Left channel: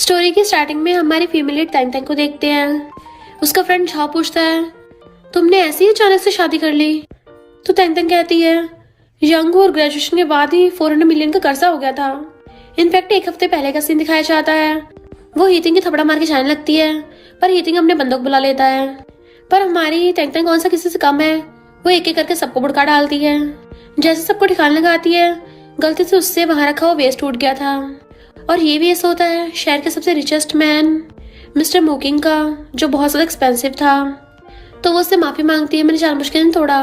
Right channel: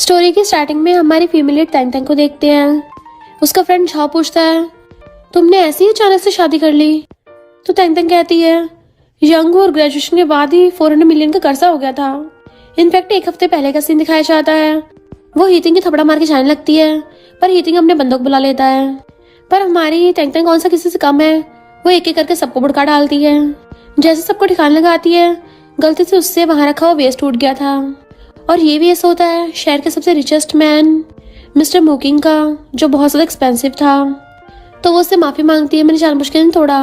Story की starting में हमारी फीमेल तैंग तैंग को देखते हैं। उसका फ्रेंड झाओ पूछता है, तुमने ऐसे ही अचानक से शादी कर ली? तो तैंग तैंग कहती है, यंग और ग्रेजुएशन के बाद ही 400 मिलियन का कर्जा हो गया था। इनफैक्ट एक हफ्ते पहले का सीन दिखाया जाता है। वो हीटिंग की थपड़ा मार के जाने लगती है, पर हीटिंग अपने बंदूक बुला लेता है। पर हमारी तैंग तैंग कौन सा किसी से कम है, वो एक एक करके सबको भुड़का डालती है। जैसे सबको ठिकाने लगाती है, गलती से उससे वहां रखा हुआ वेस्ट टूट गया था। और ये भी ऐसा होता है शहर के सबसे रिचेस्ट मैन मिस्टर मुकिंग का, जो बहुत ज्यादा एक्सपेंसिव था। तो वो उससे माफी मांगती है, मैंने जानबूझ के नहीं तोड़ा।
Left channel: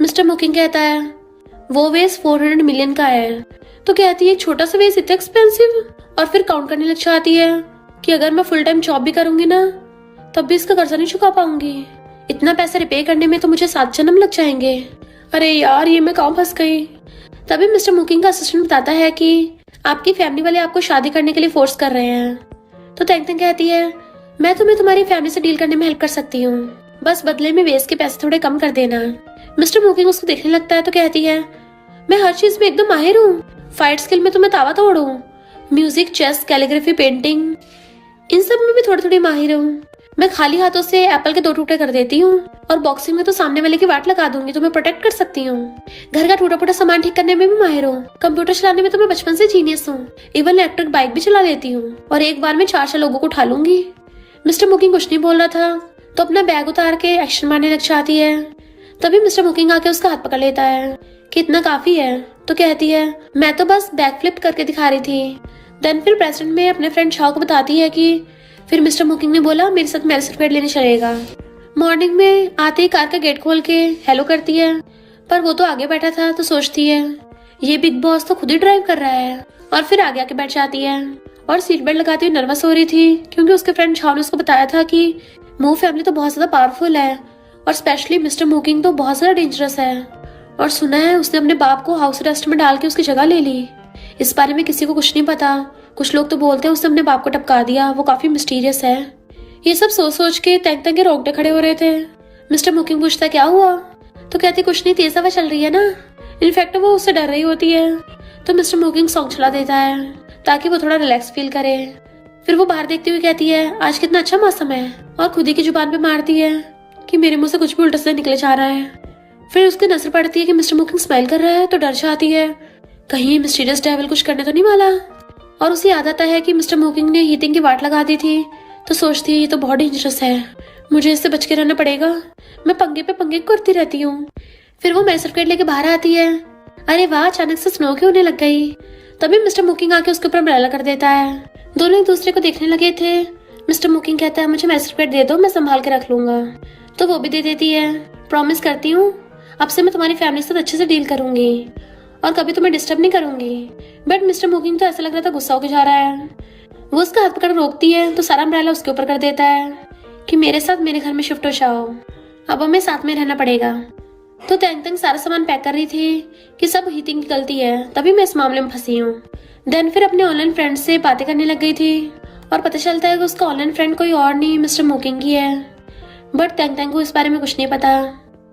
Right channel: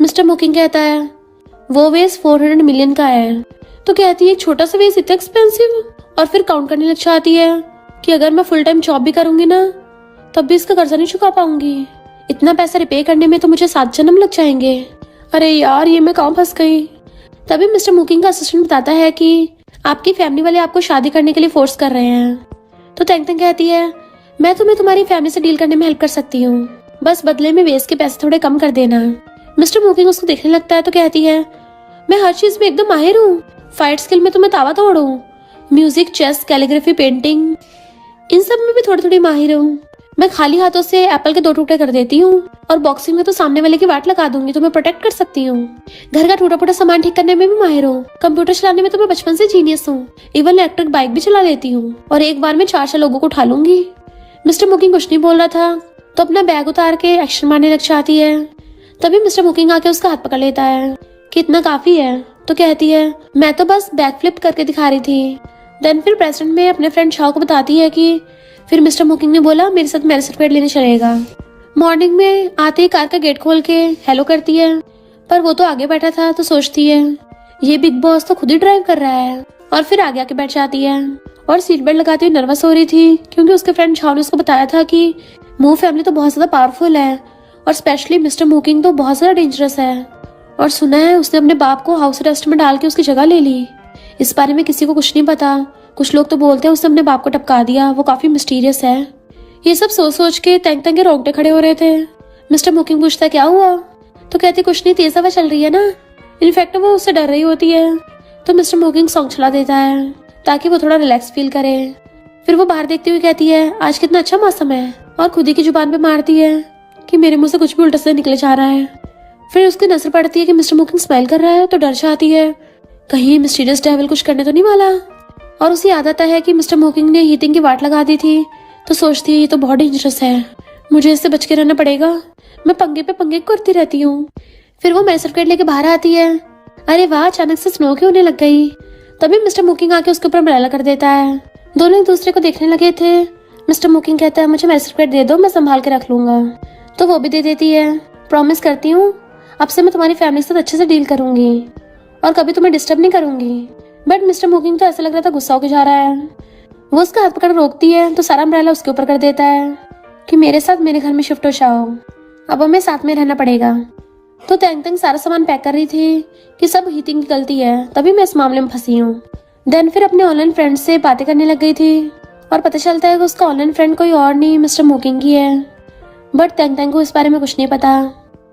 मिस्टर मुकिंग कहता है, वो वेस्ट 400 मिलियन का है। तो कहती है, एक छोटा सा वेस्ट इतना एक्सपेंसिव? और फिर काउंट करने लग जाती है कि अगर मैं फुल टाइम जॉब भी करूंगी ना, तब भी इसका कर्जा नहीं चुका पाऊंगी। इतना पैसा रिपे करने में तो मुझे 7 जन्म लग जाएंगे। अरे यार, ये मैं कहाँ फंस गई। तभी मिस्टर मुकिंग का असिस्टेंट बताता है कि आपकी फैमिली वाले आपको शादी करने के लिए फोर्स कर रहे हैं। तो तैंग तैंग कहती है, मैं तुम्हें तुम्हारी फैमिली से डील करने में हेल्प कर सकती हूँ, बस बदले में वेस्ट के पैसे थोड़े कम कर देना। मिस्टर मुकिंग उसको देखने लगता है तो कहती है, मैं हर चीज में एकदम माहिर हूँ। फाइट स्किल में तो मैं तावा तोड़ हूँ, म्यूजिक, चेस, कैलीग्राफी, पेंटिंग, इन सब में भी थोड़ी थोड़ी माहिर हूँ। मैं खाली हाथों से एप्पल के 2 टुकड़े कर देती हूँ, और बॉक्सिंग में तो सामने वाले की वाट लगा दूंगी तो मैं प्रोटेक्ट कर सकती हूँ। घर का टूटा फूटा सामान ठीक करने में भी माहिर हूँ। कंप्यूटर चलाने में तो मैं बचपन से जीनियस हूँ। इवन इलेक्ट्रिक बाइक भी चला लेती हूँ, और एक बार में 4 लोगों को उठा लूंगी। मिस्टर मुकिंग कुछ नहीं बोल रहा था तो अपना बैग उतार के एक्शन मारने लग जाती है। तभी मिस्टर मुकिंग आके उसका हाथ पकड़ लेता है कि इतना काफी है। तो कहती है, मैं तो बस बैक फ्लिप करके दिखा रही थी। देन फिर प्रेसिडेंट में अपने फ्रेंड शाह को बताती है कि फिर मिस्टर मुकिंग ने बोला मेरे साथ मैरिज सर्टिफिकेट लेने चलेगा। मॉर्निंग में आते ही कार का गेट खोल के हेलो करती है, पर वो तो आगे बैठा था तो सोचती है ये बिग बॉस तो खुद ही ड्राइव कर रहा है। और फिर आगे आके बैठ जाती है और सीट बेल्ट लगाते हुए नर्वस हो रही थी, क्योंकि उसके फ्रेंड शाह ने उसको बताया था कि मू फैमिली तो बहुत ज्यादा पावरफुल है, और स्पेशली मिस्टर मुकिंग तो बहुत ज्यादा डेंजरस है। और सुना है उसने अपने बाप को हाउस अरेस्ट में डाल के उसकी जगह ले ली। इस बारे में किसी को कुछ नहीं पता। कुछ लोग तो बोलते हैं उसने अपने बाप को टपका दिया, वो काफी मिस्टीरियस है। ये सब सोच सोच के तैंग तैंग के रोंगटे खड़े हो रहे थे। मिस्टर मुकिंग पूछता, क्या हुआ? तो कहती, कुछ नहीं, तेज हवा चल रही है ना। इनफैक्ट वो उससे डर रही होती है। तो मिस्टर मुकिंग सॉन्ग चला देता है ताकि वो थोड़ा रिलैक्स फील करे। फिर वो बाहर देखती हुई कहती है, आज कितना अच्छा मौसम है, और खुद ही की जुबान पे मारती है कि मेरे मुंह से कुछ भी उल्टा सीधा निकले जा रहा है। फिर उसकी नजर पड़ती है कि मिस्टर मुकिंग स्माइल कर रहा है तो डर जाती है, कहीं ये मिस्टीरियस डेविल कुछ करने तो नहीं वाला। और उसे याद आता है कि मिस्टर मुकिंग ने हीटिंग की वाट लगा दी थी, तो सोचती है ये तो बहुत डेंजरस है, मुझे इससे बच के रहना पड़ेगा। मैं पंगे पे पंगे करती रहती हूँ। फिर वो मैरिज सर्टिफिकेट लेके बाहर आती है। अरे वाह, अचानक से स्नो क्यों होने लग गई। तभी मिस्टर मुकिंग आके उसके ऊपर अम्ब्रेला कर देता है। दोनों एक दूसरे को देखने लगे थे। मिस्टर मुकिंग कहता है, मुझे मैरिज सर्टिफिकेट दे दो, मैं संभाल के रख लूंगा। तो वो भी दे देती है। प्रॉमिस करती हूँ अब से मैं तुम्हारी फैमिली से अच्छे से डील करूंगी और कभी तुम्हें डिस्टर्ब नहीं करूंगी। बट मिस्टर मुकिंग तो ऐसा लग रहा था गुस्सा होके जा रहा है। वो उसका हाथ पकड़ रोकती है तो सारा अम्ब्रेला उसके ऊपर कर देता है कि मेरे साथ मेरे घर में शिफ्ट हो जाओ, अब हमें साथ में रहना पड़ेगा। तो तैंग तैंग सारा सामान पैक कर रही थी कि सब हीटिंग की गलती है, तभी मैं इस मामले में फंसी हूँ। देन फिर अपने ऑनलाइन फ्रेंड से बातें करने लग गई थी और पता चलता है कि उसका ऑनलाइन फ्रेंड कोई और नहीं मिस्टर मुकिंग ही है। बट तैंग तैंग को इस बारे में कुछ नहीं पता।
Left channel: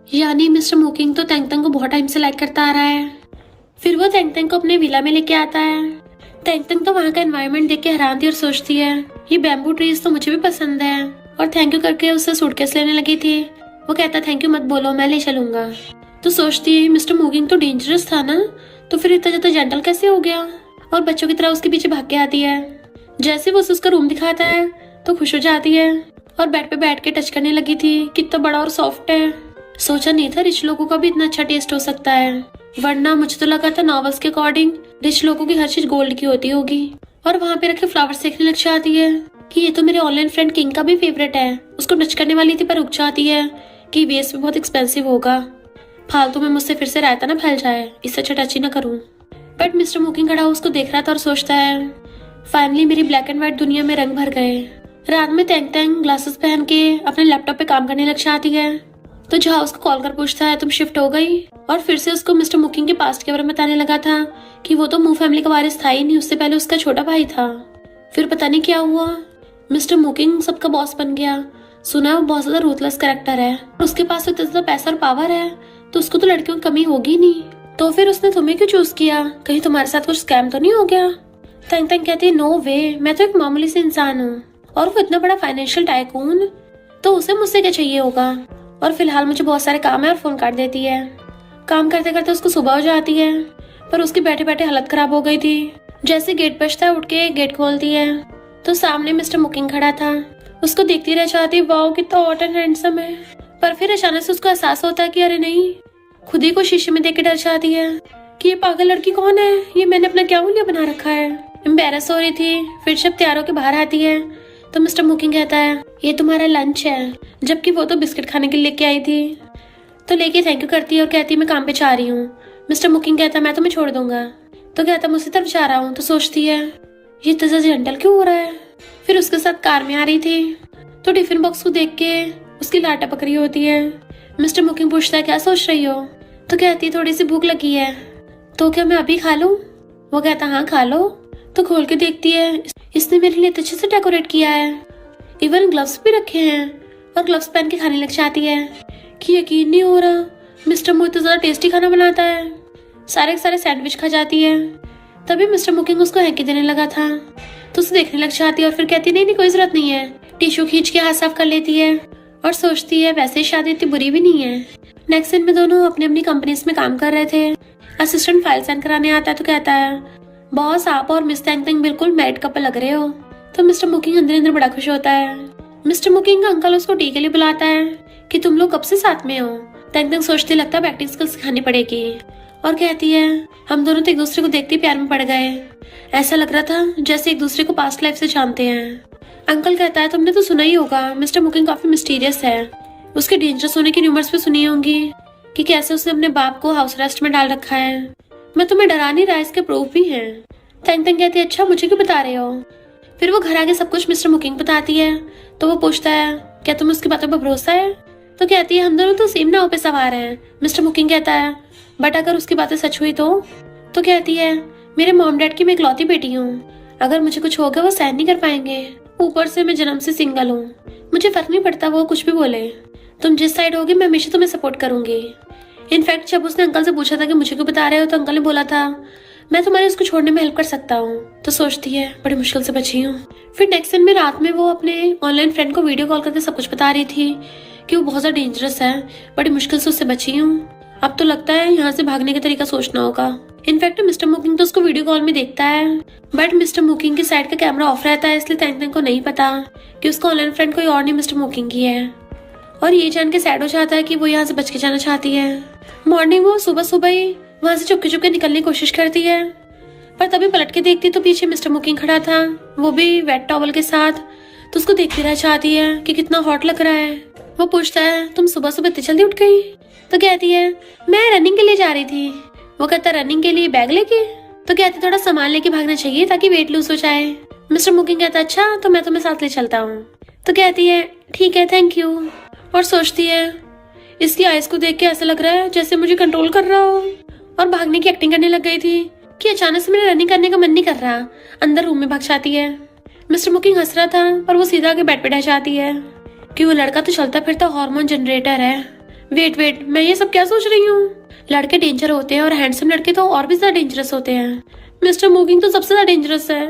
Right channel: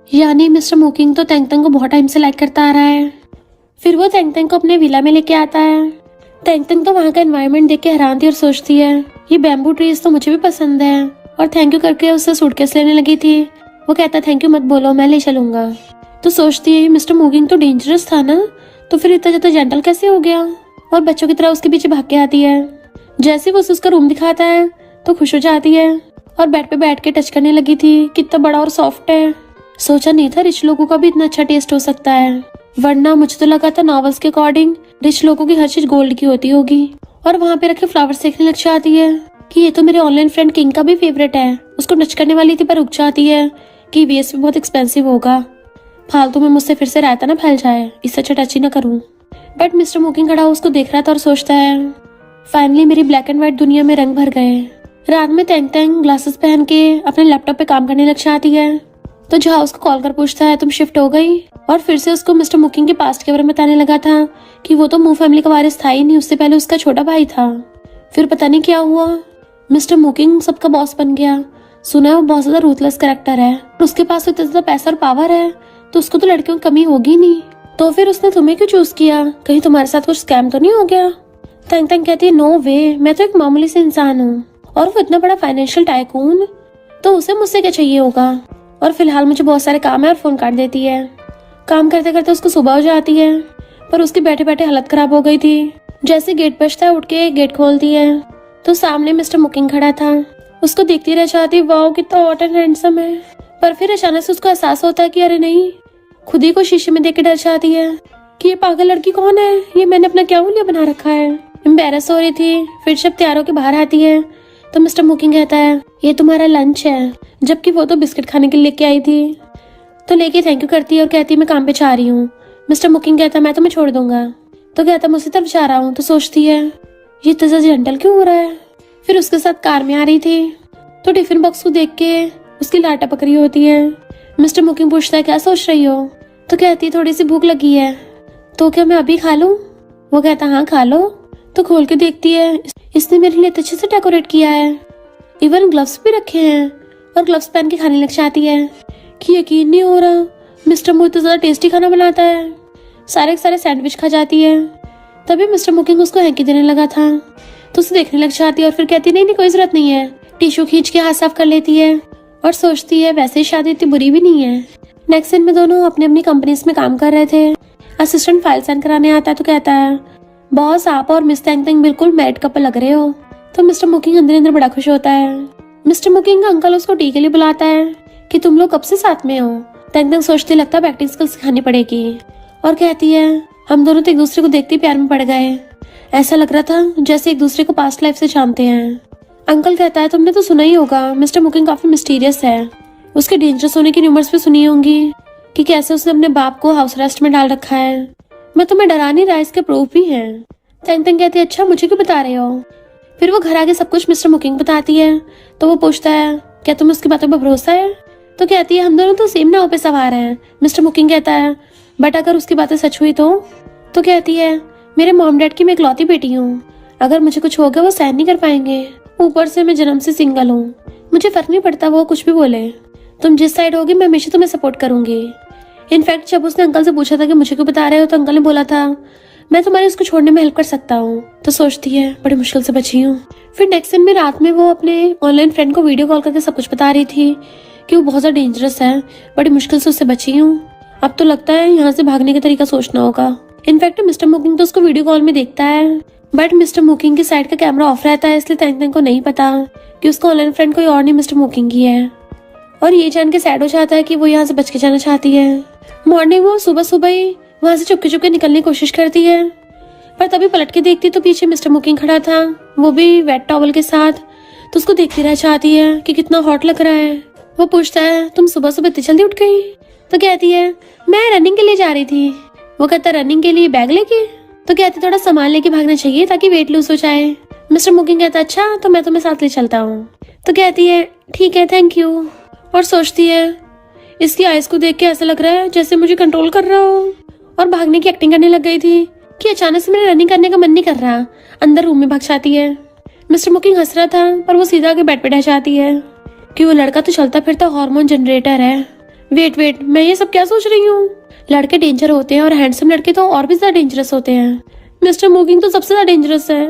यानी मिस्टर मुकिंग तो तैंग तैंग को बहुत टाइम से लाइक करता आ रहा है। फिर वो तैंग तैंग को अपने विला में लेके आता है। तैंग तैंग तो वहाँ का एनवायरनमेंट देख के हैरान थी और सोचती है ये बैम्बू ट्रीज तो मुझे भी पसंद है, और थैंक यू करके उससे सूटकेस लेने लगी थी। वो कहता थैंक यू मत बोलो, मैं ले चलूंगा। तो सोचती है मिस्टर मुकिंग तो डेंजरस था ना, तो फिर इतना ज्यादा जेंटल कैसे हो गया, और बच्चों की तरह उसके पीछे भाग के आती है। जैसे वो उसका रूम दिखाता है तो खुश हो जाती है और बेड पे बैठ के टच करने लगी थी, कितना बड़ा और सॉफ्ट है। सोचा नहीं था रिच लोगों का भी इतना अच्छा टेस्ट हो सकता है, वरना मुझे तो लगा था नॉवेल्स के अकॉर्डिंग रिच लोगों की हर चीज गोल्ड की होती होगी। और वहाँ पे रखे फ्लावर्स देखने लग जाती है कि ये तो मेरे ऑनलाइन फ्रेंड किंग का भी फेवरेट है। उसको टच करने वाली थी पर रुक जाती है कि वेस्ट भी बहुत एक्सपेंसिव होगा, फालतू में मुझसे फिर से रायता ना फैल जाए, इससे अच्छा टच ही ना करूँ। बट मिस्टर मुकिंग खड़ा उसको देख रहा था और सोचता है फाइनली मेरी ब्लैक एंड व्हाइट दुनिया में रंग भर गए। रात में तैंग तैंग ग्लासेस पहन के अपने लैपटॉप पे काम करने लग जाती है। तो जहाँ उसको कॉल कर पूछता है तुम शिफ्ट हो गई, और फिर से उसको मिस्टर मुकिंग के पास्ट के बारे में बताने लगा था कि वो तो मू फैमिली का वारिस था ही नहीं, उससे पहले उसका छोटा भाई था। फिर पता नहीं क्या हुआ, मिस्टर मुकिंग सबका बॉस बन गया। सुना वो बहुत ज्यादा रूथलेस कैरेक्टर है, उसके पास तो इतना ज्यादा पैसा और पावर है, तो उसको तो लड़कियों की कमी होगी नहीं। तो फिर उसने तुम्हें क्यों चूज किया, कहीं तुम्हारे साथ कुछ स्कैम तो नहीं हो गया? तंग तंग कहती है नो वे, मैं तो एक मामूली से इंसान हूँ और वो इतना बड़ा फाइनेंशियल टाइकून, तो उसे मुझसे क्या चाहिए होगा। और फिलहाल मुझे बहुत सारे काम है और फोन काट देती है। काम करते करते उसको सुबह हो जाती है, पर उसकी बैठे बैठे हालत खराब हो गई थी। जैसे गेट बजता है उठ के गेट खोलती है तो सामने मिस्टर मुकिंग खड़ा था। उसको देखती रह जाती, वाओ कितना हॉट एंड हैंडसम है। पर फिर अचानक से उसको एहसास होता है कि अरे नहीं, खुद ही को शीशे में देख के डर जाती है कि ये पागल लड़की कौन है, ये मैंने अपना क्या हुलिया बना रखा है। एम्बेरस हो रही थी। फिर जब तैयार होकर बाहर आती है तो मिस्टर मुकिंग कहता है ये तुम्हारा लंच है, जबकि वो तो बिस्किट खाने के लिए लेके आई थी। तो लेके थैंक यू करती है और कहती है मैं काम पे जा रही हूँ। मिस्टर मुकिंग कहता है मैं तुम्हें छोड़ दूंगा। तो कहता है मैं उसी तरफ जा रहा हूँ। तो सोचती है ये इतना जेंटल क्यों हो रहा है। फिर उसके साथ कार में आ रही थी तो टिफिन बॉक्स को देख के उसकी लाट टपक रही होती है। मिस्टर मुकिंग पूछता है क्या सोच रही हो। तो कहती है थोड़ी सी भूख लगी है, तो क्या मैं अभी खा लूं। वो कहता हाँ खा लो। तो खोल के देखती है इसने मेरे लिए अच्छे से डेकोरेट किया है, इवन ग्लव्स भी रखे हैं और ग्लव्स पहन के खाने लग जाती है कि यकीन नहीं हो रहा मिस्टर मुकिंग तो ज्यादा टेस्टी खाना बनाता है। सारे सारे सैंडविच खा जाती है। तभी मिस्टर मुकिंग उसको हैंकी देने लगा था तो उसे देखने लग जाती है और फिर कहती नहीं कोई जरूरत नहीं है। टिश्यू खींच के हाथ साफ कर लेती है और सोचती है वैसे ही शादी इतनी बुरी भी नहीं है। नेक्स्ट दिन में दोनों अपनी अपनी कंपनीज में काम कर रहे थे। असिस्टेंट फाइल साइन कराने आता है तो कहता है बॉस आप और मिस तंग तंग बिल्कुल मैरिड कपल लग रहे हो। तो मिस्टर मुकिंग अंदर अंदर बड़ा खुश होता है। मिस्टर मुकिंग का अंकल उसको टी के लिए बुलाता है कि तुम लोग कब से साथ में हो। तंग तंग सोचते लगता है एक्टिंग स्किल्स सिखानी पड़ेगी और कहती है हम दोनों तो एक दूसरे को देखते प्यार में पड़ गए, ऐसा लग रहा था जैसे एक दूसरे को पास्ट लाइफ से जानते हैं। अंकल कहता है तुमने तो सुना ही होगा मिस्टर मुकिंग काफी मिस्टीरियस है, उसके डेंजरस होने की न्यूमर्स भी सुनी होंगी कि कैसे उसने अपने बाप को हाउस अरेस्ट में डाल रखा है। मैं तुम्हें डरा नहीं रहा, इसके प्रूफ भी है। तंग तंग कहती है अच्छा मुझे क्यों बता रहे हो। फिर वो घर आके सब कुछ मिस्टर मुकिंग बताती है तो वो पूछता है क्या तुम्हें उसकी बातों पर भरोसा है। तो कहती है हम दोनों तो सेम नाव पे सवार हैं। मिस्टर मुकिंग कहता है बट अगर उसकी बातें सच हुई तो कहती है मेरे मॉम डैड की मैं इकलौती बेटी हूँ, अगर मुझे कुछ हो गया वो सहन नहीं कर पाएंगे, ऊपर से मैं जन्म से सिंगल हूँ, मुझे फर्क नहीं पड़ता वो कुछ भी बोले, तुम जिस साइड होगी मैं हमेशा तुम्हें सपोर्ट करूंगी। इनफैक्ट जब उसने अंकल से पूछा था कि मुझे क्यों बता रहे हो तो अंकल ने बोला था मैं तुम्हारी इसको छोड़ने में हेल्प कर सकता हूँ। तो सोचती है बड़ी मुश्किल से बची हूँ। फिर नेक्स्ट दिन में रात में वो अपने ऑनलाइन फ्रेंड को वीडियो कॉल करके सब कुछ बता रही थी कि वो बहुत ज्यादा डेंजरस है, बड़ी मुश्किल से उससे बची हूँ। अब तो लगता है यहाँ से भागने का तरीका सोचना होगा। इनफैक्ट मिस्टर मुकिंग तो उसको वीडियो कॉल में देखता है बट मिस्टर मुकिंग की साइड का कैमरा ऑफ रहता है, इसलिए तंग तंग को नहीं पता कि उसका ऑनलाइन फ्रेंड कोई और नहीं मिस्टर मुकिंग ही है। और ये जान के सैड हो जाता है कि वो यहाँ से बच के जाना चाहती है। मॉर्निंग वो सुबह सुबह ही वहाँ से चुपके चुपके निकलने की कोशिश करती है पर तभी पलट के देखती तो पीछे मिस्टर मुकिंग खड़ा था, वो भी वेट टॉवल के साथ। तो उसको देखती रह जाती है कि कितना हॉट लग रहा है। वो पूछता है तुम सुबह सुबह इतनी जल्दी उठ गई। तो कहती है मैं रनिंग के लिए जा रही थी। वो कहता रनिंग के लिए बैग लेके। तो कहती थोड़ा सामान लेके भागना चाहिए ताकि वेट लूज हो जाए। मिस्टर मुकिंग कहता अच्छा तो मैं तुम्हें साथ ले चलता हूँ। तो कहती है ठीक है थैंक यू। और सोचती है इसकी आइज को देख के ऐसा लग रहा है जैसे मुझे कंट्रोल कर रहा हूँ, और भागने की एक्टिंग करने लग गई थी कि अचानक से मेरे रनिंग करने का मन नहीं कर रहा। अंदर रूम में भाग जाती है। मिस्टर मुकिंग हंस रहा था पर वो सीधा आके बेड पे रह जाती है कि वो लड़का तो चलता फिरता हार्मोन जनरेटर है। वेट मैं ये सब क्या सोच रही हूँ, लड़के डेंजर होते हैं और हैंडसम लड़के तो और भी ज्यादा डेंजरस होते हैं। मिस्टर मुकिंग तो सबसे ज्यादा डेंजरस है।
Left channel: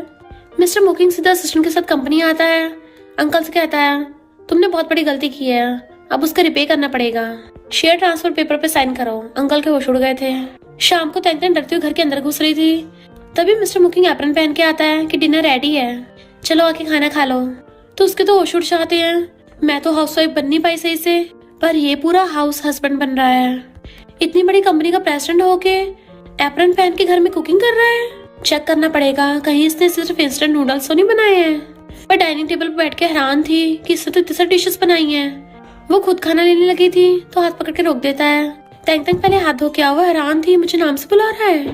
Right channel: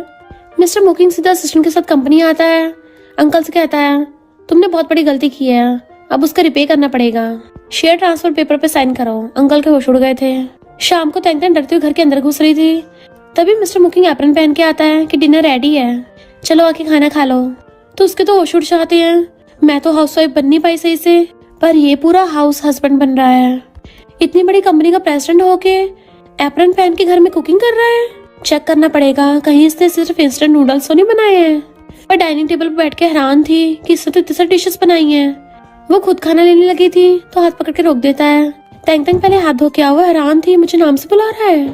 मिस्टर मुकिंग सीधा असिस्टेंट के साथ कंपनी आता है। अंकल से कहता है तुमने बहुत बड़ी गलती की है, अब उसका रिपे करना पड़ेगा, शेयर ट्रांसफर पेपर पे साइन करो। अंकल के होश उड़ गए थे। शाम को तंग तंग डरते हुए घर के अंदर घुस रही थी तभी मिस्टर मुकिंग एप्रन पहन के आता है कि डिनर रेडी है, चलो आके खाना खा लो। तो उसके तो होश उड़ जाते हैं। मैं तो हाउस वाइफ बन नहीं पाई सही से, पर ये पूरा हाउस हस्बैंड बन रहा है। इतनी बड़ी कंपनी का प्रेसिडेंट होके एप्रन पहन के घर में कुकिंग कर रहा है। चेक करना पड़ेगा कहीं इसने सिर्फ इंस्टेंट नूडल्स तो नहीं बनाए हैं। पर डाइनिंग टेबल पर बैठ के हैरान थी कि इससे तो इतनी सारी डिशेस बनाई हैं। वो खुद खाना लेने लगी थी तो हाथ पकड़ के रोक देता है। तंग तंग पहले हाथ धो के हुआ हैरान थी मुझे नाम से बुला रहा है।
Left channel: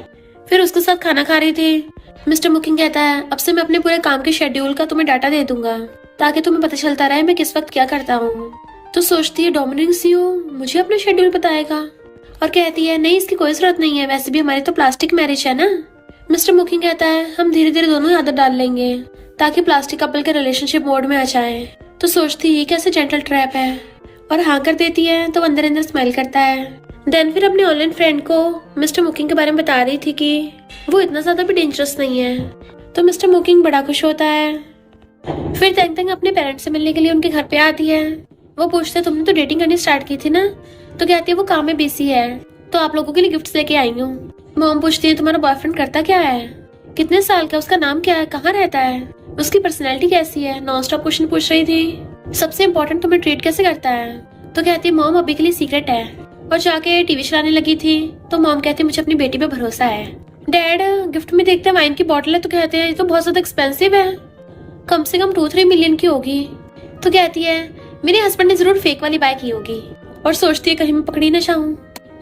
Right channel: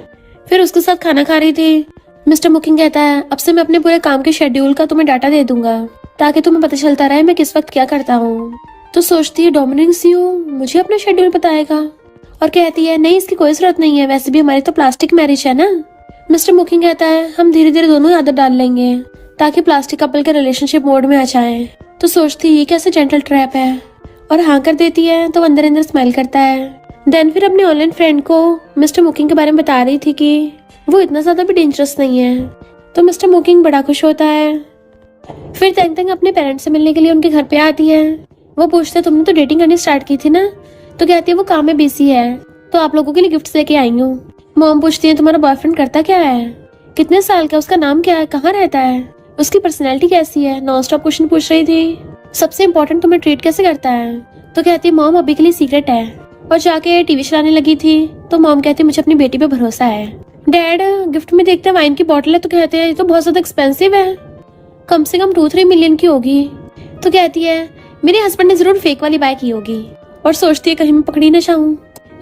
फिर उसके साथ खाना खा रही थी। मिस्टर मुकिंग कहता है अब से मैं अपने पूरे काम के शेड्यूल का तुम्हें डाटा दे दूंगा ताकि तुम्हें पता चलता रहे मैं किस वक्त क्या करता हूँ। तो सोचती है डोमिनिक सीओ मुझे अपना शेड्यूल बताएगा और कहती है नहीं इसकी कोई जरूरत नहीं है, वैसे भी हमारी तो प्लास्टिक मैरिज है ना। मिस्टर मुकिंग कहता है हम धीरे धीरे दोनों आदत डाल लेंगे ताकि प्लास्टिक कपल के रिलेशनशिप मोड में आ जाए। तो सोचती है कैसे जेंटल ट्रैप है और हाँ कर देती है। तो अंदर अंदर स्माइल करता है। देन फिर अपनी ऑनलाइन फ्रेंड को मिस्टर मुकिंग के बारे में बता रही थी कि वो इतना ज्यादा भी डेंजरस नहीं है। तो मिस्टर मोकिंग बड़ा खुश होता है। फिर तेंग तेंग अपने पेरेंट्स से मिलने के लिए उनके घर पे आती है। वो पूछता तुमने तो डेटिंग करनी स्टार्ट की थी ना? तो कहती है वो काम में बिजी है, तो आप लोगों के लिए गिफ्ट्स लेके आई हूँ। मॉम पूछती है तुम्हारा बॉयफ्रेंड करता क्या है, कितने साल का, उसका नाम क्या है, कहाँ रहता है, उसकी पर्सनैलिटी कैसी है, नॉन स्टॉप क्वेश्चन पूछ रही थी। सबसे इम्पोर्टेंट तुम्हें ट्रीट कैसे करता है? तो कहती है मॉम अभी के लिए सीक्रेट है। और जाके टीवी चलाने लगी थी। तो मॉम कहती है मुझे अपनी बेटी पे भरोसा है। डैड गिफ्ट में देखते हैं वाइन की बोतल है, तो कहते हैं ये तो बहुत ज्यादा एक्सपेंसिव है, कम से कम 2-3 मिलियन की होगी। तो कहती है मेरे हस्बैंड ने जरूर फेक वाली बाय की होगी। और सोचती है कहीं मैं पकड़ी ना जाऊं,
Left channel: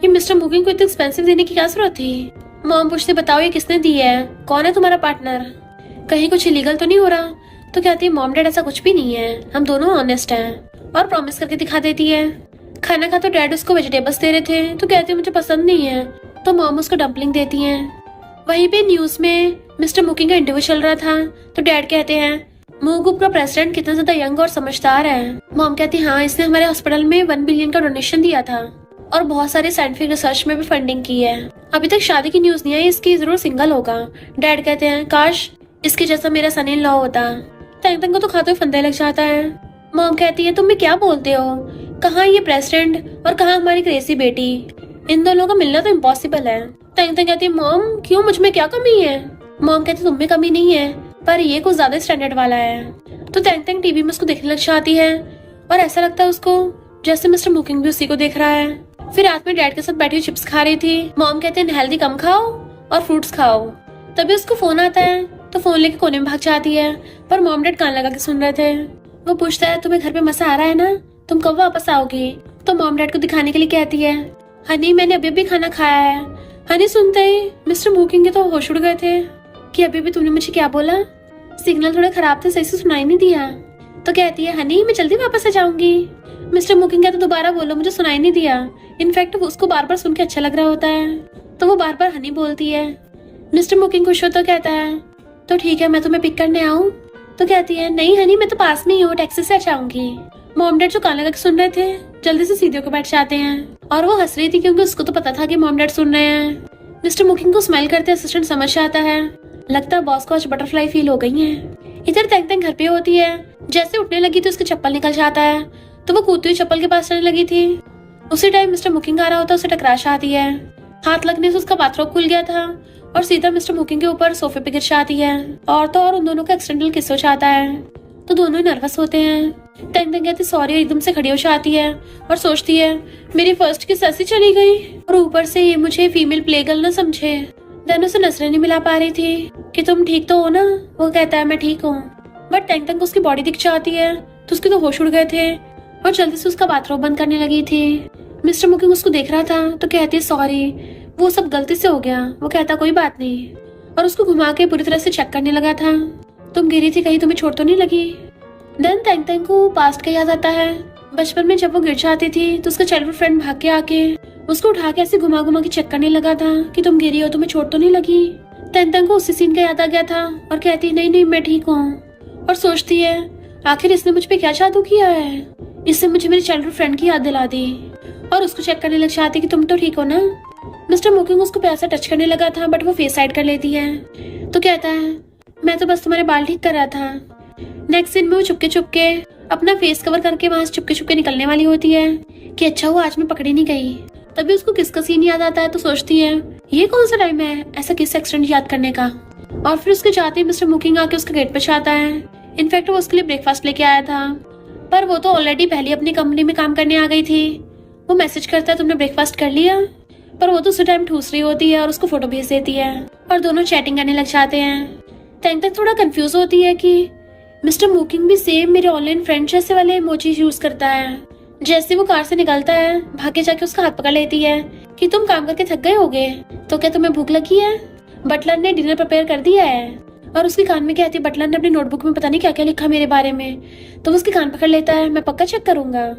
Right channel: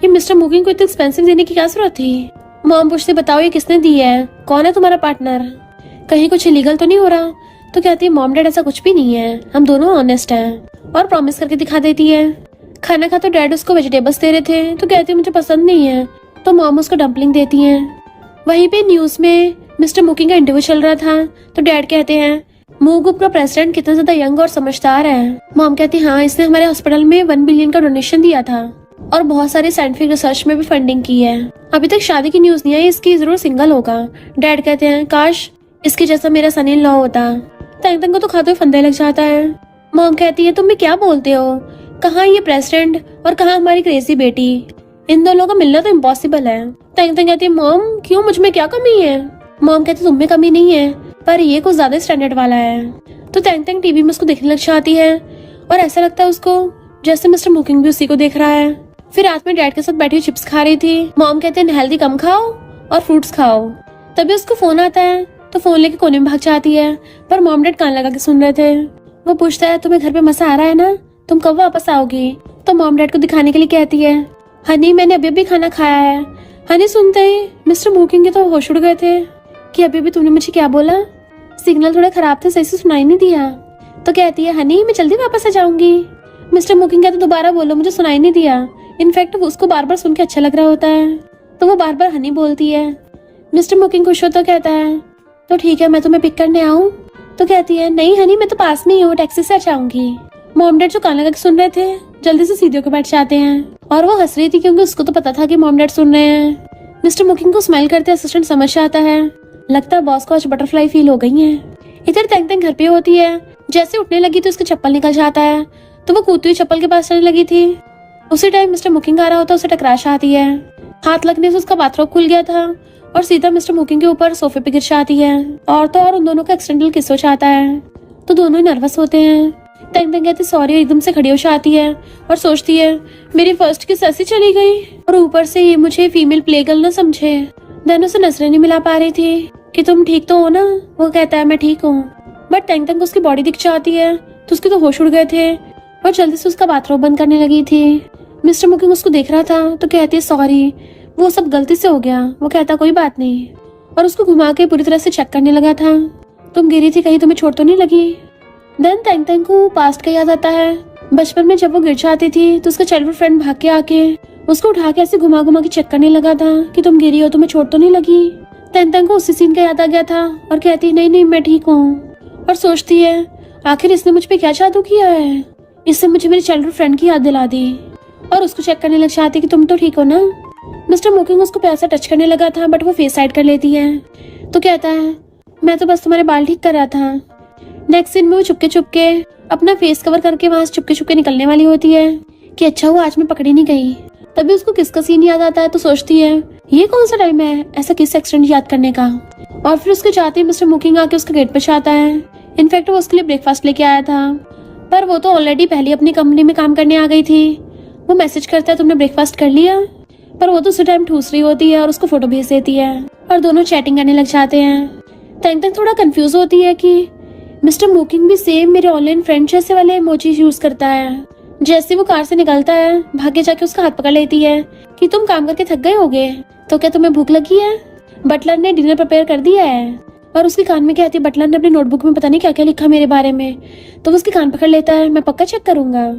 ये मिस्टर मोकिंग को इतनी एक्सपेंसिव देने की क्या जरूरत थी। मॉम पूछते बताओ ये किसने दी है, कौन है तुम्हारा पार्टनर, कहीं कुछ इलीगल तो नहीं हो रहा? तो कहती है मॉम डैड ऐसा कुछ भी नहीं है, हम दोनों ऑनेस्ट हैं। और प्रॉमिस करके दिखा देती है। खाना खा तो डैड उसको वेजिटेबल्स दे रहे थे, तो कहती है मुझे पसंद नहीं है, तो मॉम उसको डम्पलिंग देती है। वहीं पे न्यूज में मिस्टर मोकिंग का इंटरव्यू चल रहा था, तो डैड कहते हैं मूव ग्रुप का प्रेसिडेंट कितना ज्यादा यंग और समझदार है। मॉम कहती है हाँ, इसने हमारे हॉस्पिटल में 1 बिलियन का डोनेशन दिया था और बहुत सारे साइंटिफिक रिसर्च में भी फंडिंग की है। अभी तक शादी की न्यूज नहीं आई, इसकी जरूर सिंगल होगा। डैड कहते हैं काश इसके जैसा मेरा सन इन लॉ होता। तेंग तेंग को तो खाते हुए फंदे लग जाता है। मॉम कहती है तुम भी क्या बोलते हो, कहाँ ये प्रेसिडेंट और कहाँ हमारी क्रेजी बेटी, इन दोनों का मिलना तो इम्पॉसिबल है। तेंग तेंग कहती है मॉम क्यों, मुझ में क्या कमी है? मॉम कहती तुम में कमी नहीं है, पर ये कुछ ज्यादा स्टैंडर्ड वाला है। तो तेंग तेंग टीवी में उसको देखने लग जाती है और ऐसा लगता है उसको जैसे मिस्टर मोकिंग भी उसी को देख रहा है। फिर रात में डैड के साथ बैठी चिप्स खा रही थी। मॉम कहते हैं हेल्दी कम खाओ और फ्रूट्स खाओ। तभी उसको फोन आता है, तो फोन लेके कोने में भाग जाती है, पर मॉम डैड कान लगा के सुन रहे थे। वो पूछता है तुम्हें घर पे मजा आ रहा है ना, तुम कब वापस आओगी? तो मॉम डैड को दिखाने के लिए कहती है हनी मैंने अभी भी खाना खाया है। हनी सुनते ही मिस्टर मोकिंग के तो होश उड़ गए थे कि अभी भी तुमने मुझे क्या बोला, सिग्नल थोड़ा खराब था, सही से सुनाई नहीं दिया। तो कहती है हनी मैं जल्दी वापस आ जाऊंगी। मिस्टर मोकिंग कहते दोबारा बोलो, मुझे सुनाई नहीं दिया। इनफैक्ट उसको बार बार सुन के अच्छा लग रहा होता है, तो वो बार बार हनी बोलती है। मिस्टर मोकिंग खुश होता कहता है तो ठीक है मैं तुम्हें पिक करने आऊँ? तो कहती है नहीं हनी मैं तो पास नहीं हूँ, टैक्सी से आ जाऊंगी। मॉम डैड जो कान लगा के सुन रहे थे जल्दी से सीधे होकर बैठ जाते हैं और वो हंस रही थी क्योंकि उसको तो पता था कि मॉम डैड सुन रहे हैं। मिस्टर मोकिंग को स्माइल करते असिस्टेंट समझ आता है, लगता है बॉस को आज बटरफ्लाई फील हो गई है। इधर तेंग तेंग घर पे होती है, जैसे उठने लगी तो उसका चप्पल निकल जाता है, तो वो कूदती हुई चप्पल के पास चलने लगी थी। उसी टाइम मिस्टर मोकिंग आ रहा होता है, उसे टकराश आती है। हाथ लगने से उसका बाथरोब खुल गया था और सीधा मिस्टर मोकिंग के ऊपर सोफे पे गिर जाती है और तो और उन दोनों का एक्सीडेंटल किस हो जाता है, तो दोनों ही नर्वस होते हैं। तेंग तेंग कहती सॉरी, एकदम से खड़ी हो जाती है और सोचती है मेरी फर्स्ट किस ऐसी चली गई और ऊपर से ये मुझे फीमेल प्ले गर्ल न समझे। देन उसे नजरें नहीं मिला पा रही थी कि तुम ठीक तो हो ना? वो कहता है मैं ठीक हूँ, बट तेंग तेंग को उसकी बॉडी दिख जाती है, तो उसके तो होश उड़ गए थे और जल्दी से उसका बाथरूम बंद करने लगी थी। मिस्टर मोकिंग उसको देख रहा था तो कहती है सॉरी, वो सब गलती से हो गया। वो कहता कोई बात नहीं और उसको घुमा के पूरी तरह से चेक करने लगा था, तुम गिरी थी कहीं तुम्हें चोट तो नहीं लगी? देन तेंग तेंग को पास्ट का याद आता है। बचपन में जब वो गिर जाती थी तो उसका चाइल्डहुड फ्रेंड भाग के आके उसको उठा के ऐसे घुमा घुमा के चेक करने लगा था कि तुम गिरी हो, तुम्हें चोट तो नहीं लगी? तेंग तेंग को उसी सीन का याद आ गया था और कहती नहीं नहीं मैं ठीक हूँ। और सोचती है आखिर इसने मुझ पे क्या जादू किया है, इससे मुझे मेरे चाइल्डहुड फ्रेंड की याद दिला दी और उसको चेक करने लग जाती कि तुम तो ठीक हो ना। मिस्टर मोकिंग उसको पैसा टच करने लगा था बट वो फेस साइड कर लेती है, तो कहता है मैं तो बस तुम्हारे बाल ठीक कर रहा था। नेक्स्ट सीन में वो चुपके चुपके अपना फेस कवर करके वहां से चुपके चुपके निकलने वाली होती है कि अच्छा हुआ आज मैं पकड़ी नहीं गई। तभी उसको किस का सीन याद आता है, तो सोचती है ये कौन सा टाइम है ऐसा किस एक्सीडेंट याद करने का। और फिर उसके चाहते ही मिस्टर मोकिंग आके उसके गेट पर जाता है। इनफैक्ट वो उसके लिए ब्रेकफास्ट लेके आया था, पर वो तो ऑलरेडी पहले अपनी कंपनी में काम करने आ गई थी। वो मैसेज करता है तुमने ब्रेकफास्ट कर लिया, पर वो तो उसी टाइम ठूस रही होती है और उसको फोटो भेज देती है और दोनों चैटिंग करने लग जाते हैं। तेंग तेंग थोड़ा कंफ्यूज होती है कि मिस्टर मोकिंग भी सेम मेरे ऑनलाइन फ्रेंड जैसे वाले इमोजीज यूज करता है। जैसे वो कार से निकलता है भागे जाके उसका हाथ पकड़ लेती है कि तुम काम करके थक गए होगे, तो क्या तुम्हें भूख लगी है? बटलर ने डिनर प्रिपेयर कर दिया है। और उसके कान में कहती है बटलर ने अपनी नोटबुक में पता नहीं क्या क्या लिखा मेरे बारे में, तो वो उसके कान पकड़ लेता है मैं पक्का चेक करूंगा।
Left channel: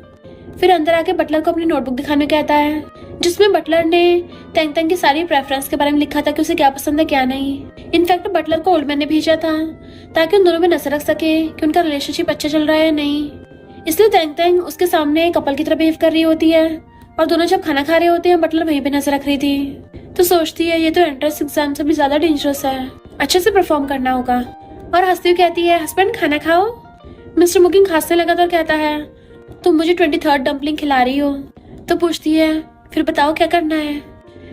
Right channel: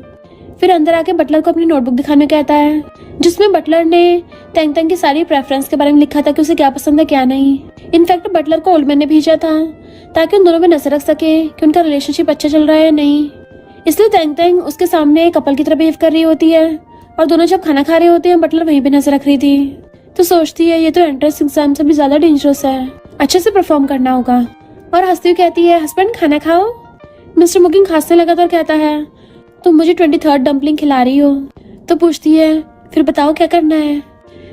फिर अंदर आके बटलर को अपनी नोटबुक दिखाने कहता है जिसमें बटलर ने तेंग तेंग की सारी प्रेफरेंस के बारे में लिखा था कि उसे क्या पसंद है क्या नहीं। इनफैक्ट बटलर को ओल्ड मैन ने भेजा था ताकि उन दोनों में नजर रख सके कि उनका रिलेशनशिप अच्छा चल रहा है या नहीं। इसलिए तेंग तेंग उसके सामने कपल की तरह बिहेव कर रही होती है और दोनों जब खाना खा रहे होते हैं बटलर वहीं पे नजर रख रही थी। तो सोचती है ये तो एंट्रेंस एग्जाम से भी ज्यादा डेंजरस है, अच्छे से परफॉर्म करना होगा। और हंसती हुई कहती है हस्बैंड खाना खाओ। मिस्टर मुकिंग खांसने लगा तो कहता है तुम मुझे 23rd डम्पलिंग खिला रही हो। तो पूछती है फिर बताओ क्या करना है,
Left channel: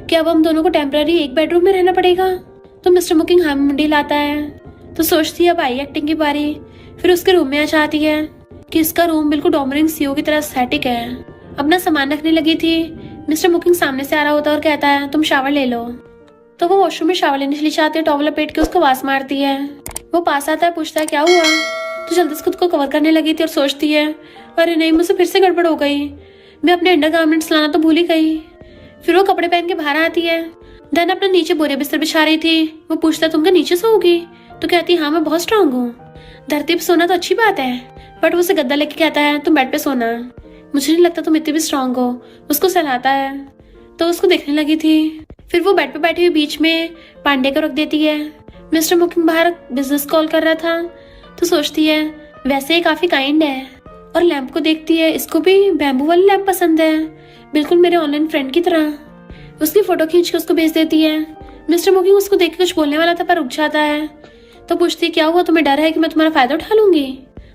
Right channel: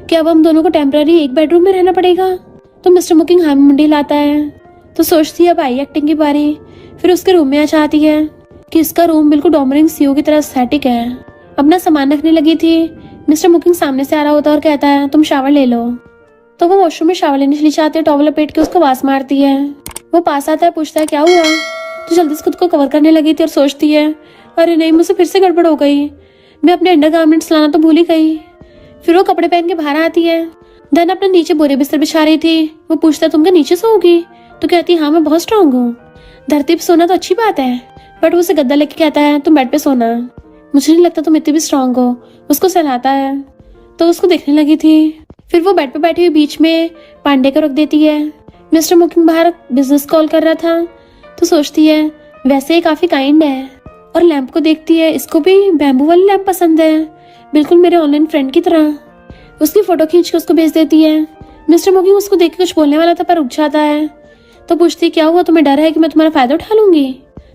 क्या अब हम दोनों को टेम्पररी एक बेडरूम में रहना पड़ेगा। तो मिस्टर मुकिंग हाँ में मुंडी लाता है। तो सोचती है अब आई एक्टिंग की बारी। फिर उसके रूम में आ जाती है कि इसका रूम बिल्कुल डोमिनिक सीओ की तरह एस्थेटिक है। अपना सामान रखने लगी थी, मिस्टर मुकिंग सामने से आ रहा होता है और कहता है तुम शावर ले लो। तो वो वॉशरूम में शावर लेने चली जाती है, टॉवल लपेट के उसको आवाज मारती है। वो पास आता है, पूछता है क्या हुआ। तो जल्दी से खुद को कवर करने लगी थी और सोचती है अरे नहीं मुझसे फिर से गड़बड़ हो गई, मैं अपने अंडरगारमेंट्स लाना तो भूल ही गई। फिर वो कपड़े पहन के बाहर आती है। देन अपने नीचे बोरे बिस्तर बिछा रही थी। वो पूछता है तुम क्या नीचे सोओगी। तो कहती है हाँ मैं बहुत स्ट्रांग हूँ, धरती पे सोना तो अच्छी बात है, बट वो उसे गद्दा लेके कहता है तुम बेड पे सोना, मुझे नहीं लगता तुम इतनी भी स्ट्रांग हो। उसको सहलाता है तो उसको देखने लगी थी। फिर वो बेड पे बैठी हुई बीच में पांडे को रख देती है। मिस्टर मुकिंग बाहर बिजनेस कॉल कर रहा था। तो सोचती है वैसे ही काफी काइंड है। और लैंप को देखती है, इसको भी बैम्बू वाली लैंप पसंद है, बिल्कुल मेरे ऑनलाइन फ्रेंड की तरह। उसकी फोटो खींच के उसको भेज देती है। मिस्टर मुकिंग उसको देख के कुछ बोलने वाला था पर रुक जाता है। तो पूछती है क्या हुआ, तुम्हें डर है कि मैं तुम्हारा फायदा उठा लूंगी।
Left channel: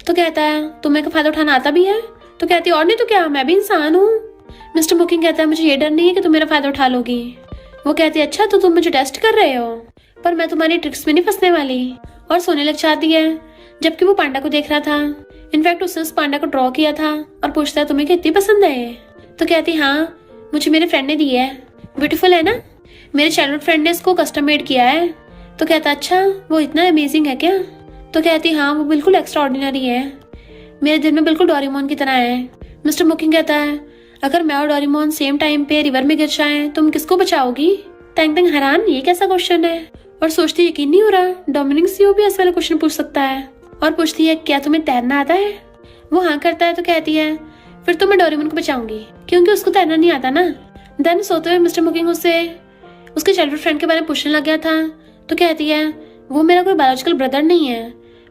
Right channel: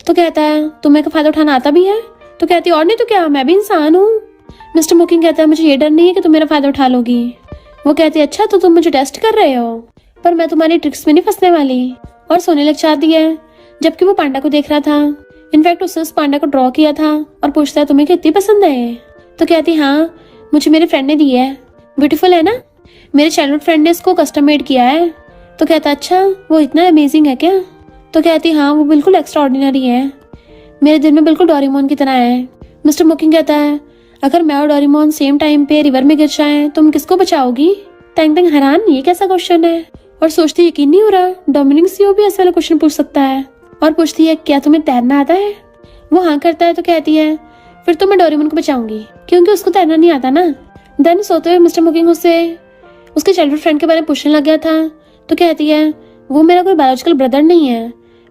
तो कहता है तुम्हें का फायदा उठाना आता भी है। तो कहती है और नहीं तो क्या, मैं भी इंसान हूँ। मिस्टर मुकिंग कहता है मुझे ये डर नहीं है कि तुम मेरा फायदा उठा लोगी। वो कहती है अच्छा तो तुम मुझे टेस्ट कर रहे हो, पर मैं तुम्हारी ट्रिक्स में नहीं फंसने वाली। और सोने लग जाती है, जबकि वो पांडा को देख रहा था। इनफैक्ट उसने उस पांडा को ड्रॉ किया था और पूछता है तुम्हें कितनी पसंद है। तो कहती है हाँ मुझे मेरे फ्रेंड ने दी है, ब्यूटीफुल है ना, मेरे चाइल्डहुड फ्रेंड ने इसको कस्टम मेड किया है। तो कहता अच्छा वो इतना अमेजिंग है क्या। तो कहती हाँ वो बिल्कुल एक्स्ट्रा ऑर्डिनरी है, मेरे दिल में बिल्कुल डोरेमोन की तरह है। मिस्टर मुकिंग कहता है अगर मैं और डोरेमोन सेम टाइम पे रिवर में गिर जाए तुम किसको बचाओगी। टैंग टैंग हैरान ये कैसा क्वेश्चन है और सोचती यकीन नहीं हो रहा डोमिनिक सीओ भी ऐसा वाला क्वेश्चन पूछ सकता है। और पूछती है क्या तुम्हें तैरना आता है। वो हाँ करता है। तो कहती है फिर तो मैं डोरेमोन को बचाऊंगी क्योंकि उसको तैरना नहीं आता ना। देन सोते हुए मिस्टर मुकिंग उससे उसके चाइल्डहुड फ्रेंड के बारे में पूछने लग गया था। तो कहती है वो मेरा कोई बायोलॉजिकल ब्रदर नहीं है,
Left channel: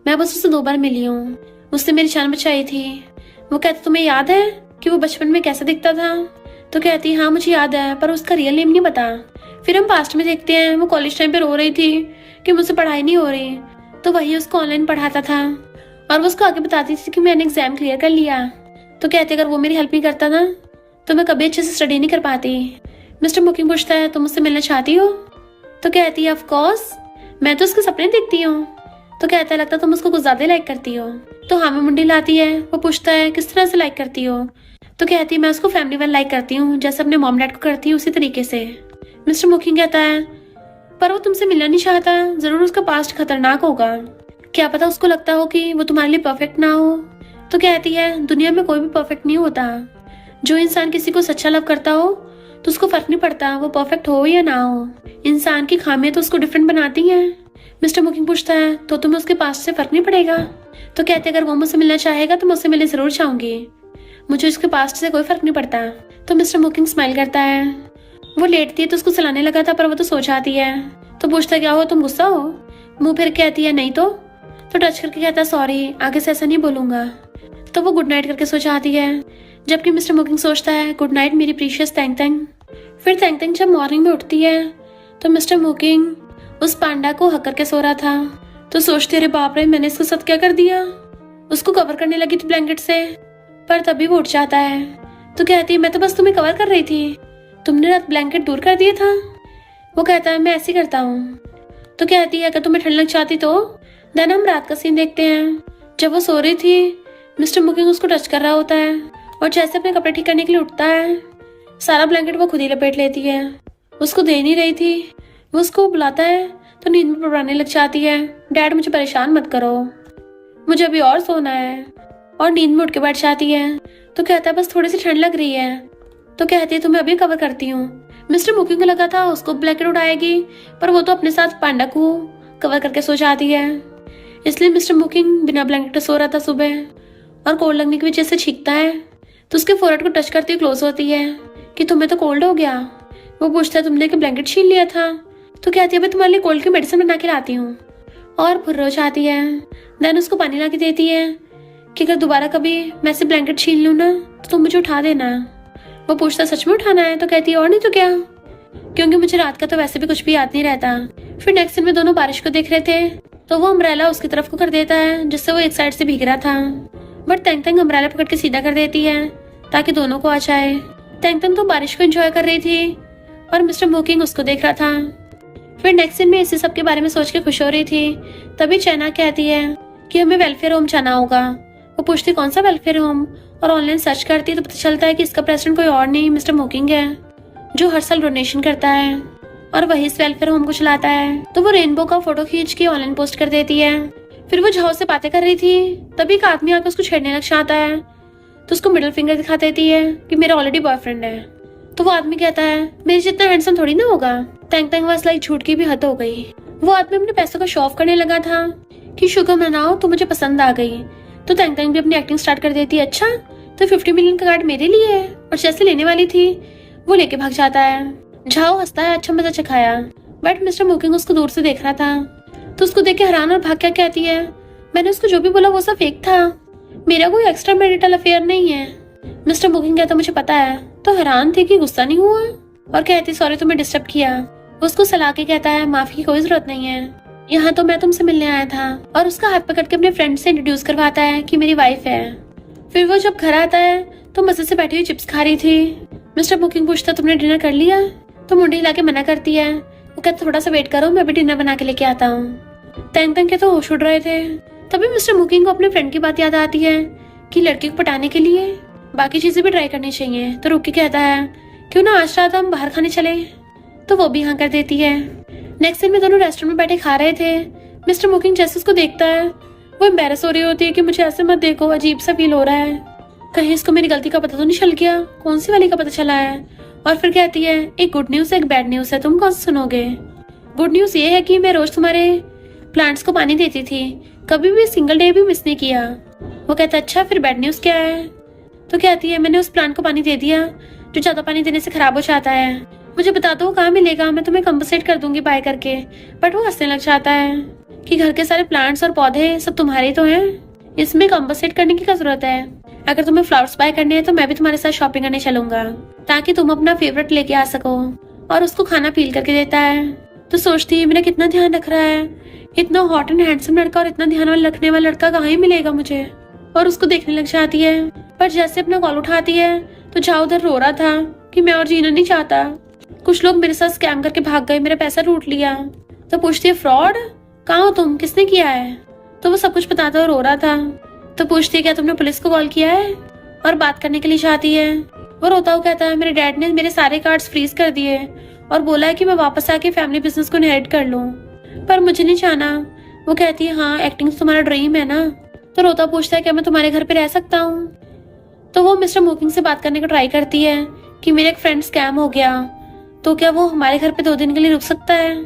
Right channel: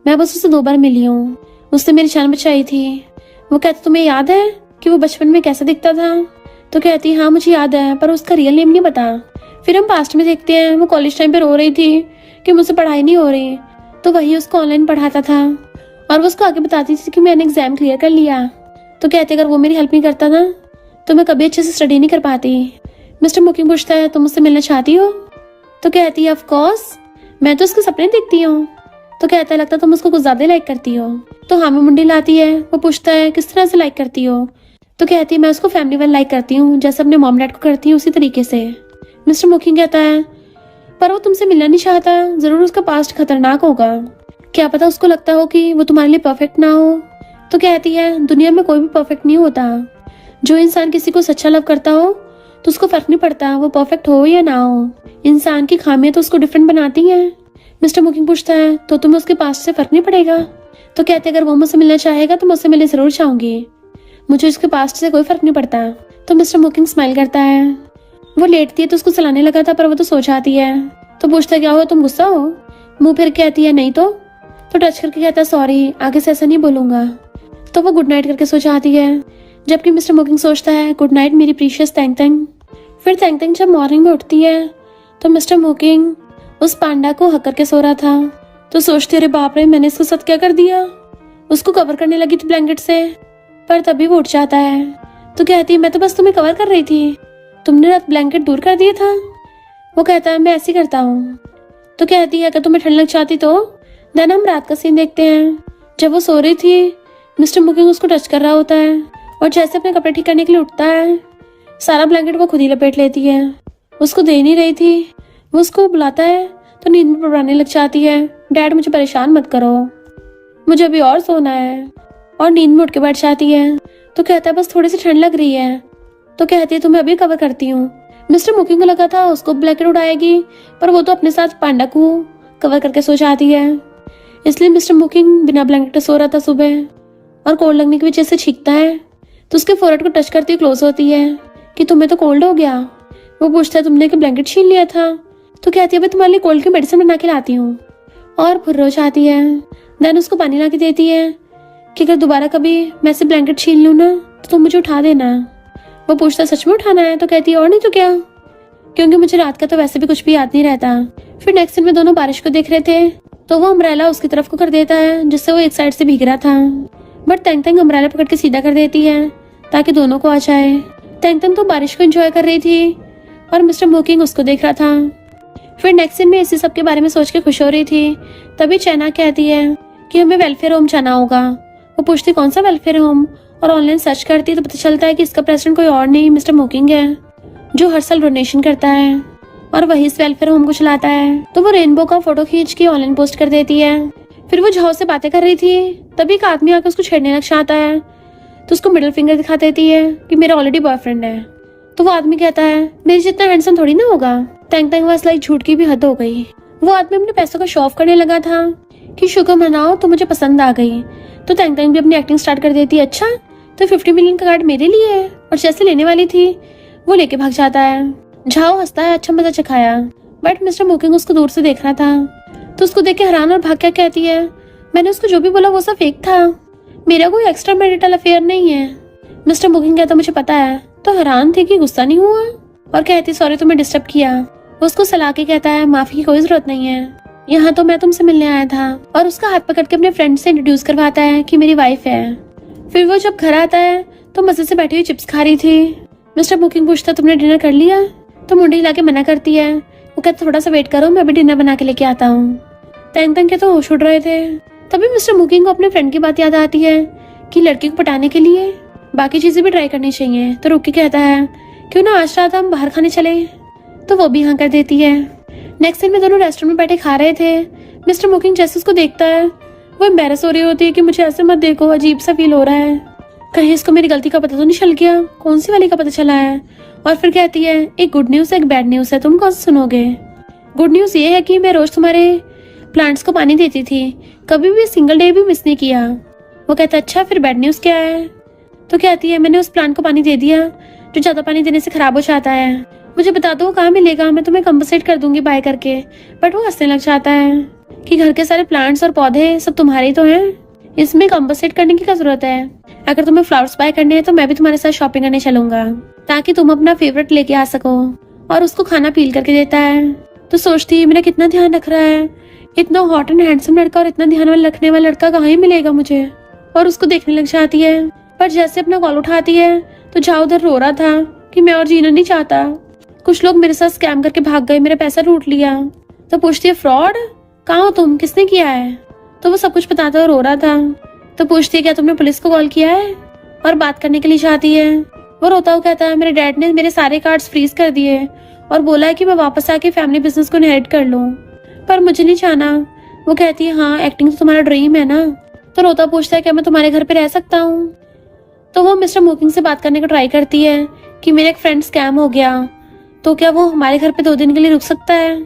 मैं बस उससे 2 बार मिली हूँ, उसने मेरी जान बचाई थी। वो कहती तुम्हें याद है कि वो बचपन में कैसा दिखता था। तो कहती हाँ मुझे याद है पर उसका रियल नेम नहीं पता। फिर हम पास्ट में देखते हैं वो कॉलेज टाइम पे रो रही थी कि मुझसे पढ़ाई नहीं हो रही, तो वही उसको ऑनलाइन पढ़ाता था और वो उसको आगे बताती थी कि मैंने एग्जाम क्लियर कर लिया। तो कहते अगर वो मेरी हेल्प नहीं करता ना तो मैं कभी अच्छे से स्टडी नहीं कर पाती। मिस्टर मुकिंग पूछता है तुम मुझसे मिलना चाहती हो। तो कहती है ऑफ कोर्स, मैं तो उसके सपने देखती हूँ। तो कहता है लगता तुम उसको कुछ ज्यादा लाइक करती हो। तो हाँ में मुंडी लाती है। वो पूछता है किस तरह से लाइक करती हो। तो कहती है मैं उसको फैमिली वाला लाइक करती हूँ, जैसे अपने मॉम डैड को करती हूँ उसी तरीके से। मिस्टर मुकिंग कहता है पर वो तुमसे मिलना नहीं चाहता, जरूर उसका पास्ट खतरनाक होगा, क्या पता उसको लगता हो कि वो तुम्हारे लिए परफेक्ट ना हो। तो कहती है दुनिया में कोई भी परफेक्ट नहीं होता, जो इंसान किसी को सच्चा लव करता हो तो उसको फर्क नहीं पड़ता वो परफेक्ट हो या ना हो, इंसान की खामियां तो उसको डिफरेंट बनाती हैं। मिस्टर मुकिंग पूछता है तो तुम्हें उसके पास से फर्क नहीं पड़ेगा। तो कहते अगर वो मुझसे मिलना चाहेगा तो मैं उससे मिलने जरूर चाहूंगी, मुझे उसके पास्ट से कोई फर्क नहीं पड़ता। तो मिस्टर मुकिंग स्माइल करता है। वो लेटती है तो उसको चलाने लगा था पर वो तो सो जाती है। तो पूछता क्या हो तुम गुस्सा हो। मुंह फिर कहती है नहीं तो टच करके कहता सॉरी आगे से ऐसा नहीं बोलूंगा। तो वो गुड नाइट करके सो जाती है, जबकि मिस्टर मुकिंग सोचता है गुड नाइट मेरी प्रीशियस तैंग तैंग। फिर तैंग तैंग जब मॉर्निंग में उठती है तो मिस्टर मुकिंग उस पांडा को हक करके सो रहा था। तो सोचती अरे बाप रे मैंने इसको साथ क्या कर दिया। उसको कवर करने लगी थी ब्लैंकेट से, पर तभी वो उठ जाता है। तो कहती है मैं तो बस तुम्हें कवर कर रही थी, तुमने रात ब्लैंकेट दूर कर दिया था। वो कहता है मैं ऐसे ही करता हूँ। तो कहती है अगर तुम्हें ठंड लग जाती तो। देन हम रात का सीन देखते हैं। जब वो सो रही थी मिस्टर मुकिंग उसको टच कर रहा होता है और जैसे अपने कपड़े ठीक करने के लिए उठता है सारा ब्लैंकेट वो खुद ही लपेट लेती है। उसको दे नहीं रही थी। वो उसको बुलाता है तो नींद में पड़ाने लग जाती है। डैड मुझे परेशान मत करो, मुझे अभी और सोना है। और नींद में उठ के बैठ जाती है। तो कहता है बस थोड़ी सी ठंड लग रही है। तो कहती है तुम्हें अभी कवर करती हूँ। मिस्टर मुकिंग को लगा था उसको ब्लैंकेट उड़ाएगी, पर वो तो अपने साथ पांडा को कवर करके सो जाती है। इसलिए मिस्टर मुकिंग बिना ब्लैंकेट के सो रहा था सुबह, और कोल्ड लगने की वजह से छींकता है। तो उसके फोrehead को टच करती क्लोज होती है कि तुम्हें तो कोल्ड हो गया। वो पूछता है तुमने कि ब्लैंकेट छीन लिया था। तो कहती है भाई तुम्हारे लिए कोल्ड की मेडिसिन बना के लाती हूँ, और फुर्र हो जाती है। देन उसको पानी ला के देती है कि अगर दोबारा कभी मैं से ब्लैंकेट छीन लूँ ना तो तुम मुझे उठा देना। वो पूछता सच में उठाना है। तो कहती है और नहीं तो क्या। क्योंकि मुझे रात का तो वैसे भी कुछ भी याद नहीं रहता। फिर नेक्स्ट सीन में दोनों बारिश को देख रहे थे तो वो अम्ब्रेला उसकी तरफ को कर देता है जिससे वो एक साइड से भीग रहा था, बट तेंग तेंग अम्ब्रेला पकड़ के सीधा कर देती है ताकि दोनों को आ जाए। तेंग तेंग तो बारिश को एंजॉय कर रही थी और मिस्टर मोकिंग उसको देख रहा था। फिर नेक्स्ट सीन में इसी सब के बारे में सोच के खुश हो रही थी, तभी चैना कहती है कि हमें वेलफेयर होम जाना होगा। वो पूछती कौन सा वेलफेयर होम, और ऑनलाइन सर्च करती तो पता चलता है कि इसका प्रेसिडेंट कोई और नहीं मिस्टर मोकिंग है, जो हर साल डोनेशन करता है और वही इस वेलफेयर होम को चलाता है। तो वो रेनबो का फोटो खींच के ऑनलाइन पोस्ट कर देती है। फिर वो झाओ से बातें कर रही थी, तभी एक आदमी आकर उसको छेड़ने लग जाता है तो उसको मिडिल फिंगर दिखा देती है कि मेरा ऑलरेडी बॉयफ्रेंड है। तो वो आदमी कहता है मेरे जितना हैंडसम थोड़ी ना होगा। तेंग तेंग वाज लाइक झूठ की भी हद हो गई। वो आदमी अपने पैसों का शो ऑफ करने लगा था कि शुक्र मनाओ तो मुझे पसंद आ गई। तो तेंग तेंग भी अपनी एक्टिंग स्टार्ट कर देती है, अच्छा तो 50 मिलियन का कार्ड मेरे लिए है, और जैसे लेने वाली थी वो लेके भाग जाता है। झाओ हंसता है, अच्छा मजा चखाया, बट मिस्टर मोकिंग उसको दूर से देख रहा था तो उसको देख के हैरान और भाग क्या कहती है मैंने उसको जो भी बोला वो सब फेक था, मेरा कोई एक्स्ट्रा मैरिटल अफेयर नहीं है। मिस्टर मोकिंग कहता मुझे पता है। तो हैरान थे कि गुस्सा नहीं हुआ और कहती सॉरी तुम्हें डिस्टर्ब किया। वो उसको सलाह के कहता है माफी की कोई जरूरत नहीं है, यहाँ तो मैं तुमसे मिलने आया था, और उसका हाथ पकड़ के अपने फ्रेंड से इंट्रोड्यूस करवाता है कि मेरी वाइफ है। फिर वो जब घर आता है तो मजे से बैठी हुई चिप्स खा रही थी। मिस्टर मोकिंग पूछता तुमने डिनर कर लिया, तो मुंडी हिला के मना करती है। वो कहता थोड़ा सा वेट करो मैं अभी डिनर बना के लेके आता हूँ। तेंग तेंग के तो होश उड़ रहे थे, तभी मिस्टर मोकिंग को अपने फ्रेंड की बात याद आती है कि लड़की को पटाने के लिए बाकी चीजें भी ट्राई करनी चाहिए। तो रुक के कहता है क्यों ना आज रात हम बाहर खाने चले, तो वो भी हाँ कर देती है। नेक्स्ट दिन में दोनों रेस्टोरेंट में बैठे खा रहे थे। मिस्टर मोकिंग जैसे उसको देखता है वो एम्बेरस हो रही होती है कि मुझे ऐसे मत देखो, अजीब सा फील हो रहा है, कहीं इसको मेरी गलती का पता तो नहीं चल गया, कौन सी वाली का पता चला है। और फिर कहती है एक गुड न्यूज है एक बैड न्यूज है, तुम कौन सा सुनोगे। गुड न्यूज ये है कि मैं रोज तुम्हारे प्लांट्स को पानी देती थी, कभी भी सिंगल डे भी मिस नहीं किया। वो कहता है अच्छा फिर बैड न्यूज क्या है। तो कहती है मैंने उस प्लांट को पानी दे दिया जो ज्यादा पानी देने से खराब हो जाता है, मुझे बता दो कहाँ मिलेगा, मैं तुम्हें कंपनसेट कर दूंगी बाय करके। बट वो हंसने लग जाता है कि घर के सारे प्लांट्स और पौधे सब तुम्हारे तो हैं, इसमें कंपनसेट करने की क्या जरूरत है। अगर तुम्हें फ्लावर्स बाय करने हैं तो मैं भी तुम्हारे साथ शॉपिंग करने चलूंगा ताकि तुम अपना फेवरेट लेके आ सको। और उसको खाना पील करके देता है। तो सोचती है मेरा कितना ध्यान रख रहा है, इतना हॉट एंड हैंडसम लड़का और इतना ध्यान वाला रखने वाला लड़का कहाँ ही मिलेगा मुझे। और उसको देखने लग जाती है, पर जैसे अपना कॉल उठाती है तो झाओ उधर रो रहा था कि मैं और जीना नहीं चाहता, कुछ लोग मेरे साथ स्कैम करके भाग गए, मेरा पैसा लूट लिया। तो पूछती है फ्रॉड, कहाँ हो तुम, किसने किया है। तो वो सब कुछ बताता और रो रहा था। तो पूछती है क्या तुमने पुलिस को कॉल किया है, और बात करने के लिए चाहती है। वो रोता हुआ कहता है मेरे डैड ने मेरे सारे कार्ड्स फ्रीज कर दिए और बोला है कि मैं वापस आके फैमिली बिजनेस को इनहेरिट कर लूं, पर मुझे नहीं चाहना। वो कहती है हाँ एक्टिंग तो तुम्हारा ड्रीम है ना। तो रोता पूछता है क्या मैं तुम्हारे घर पे रह सकता हूँ। तो वो मिस्टर मोकिंग से बात करने का ट्राई करती है कि मेरा एक फ्रेंड स्कैम हो गया, तो क्या वो हमारे घर पे 2 दिन के लिए रुक सकता है।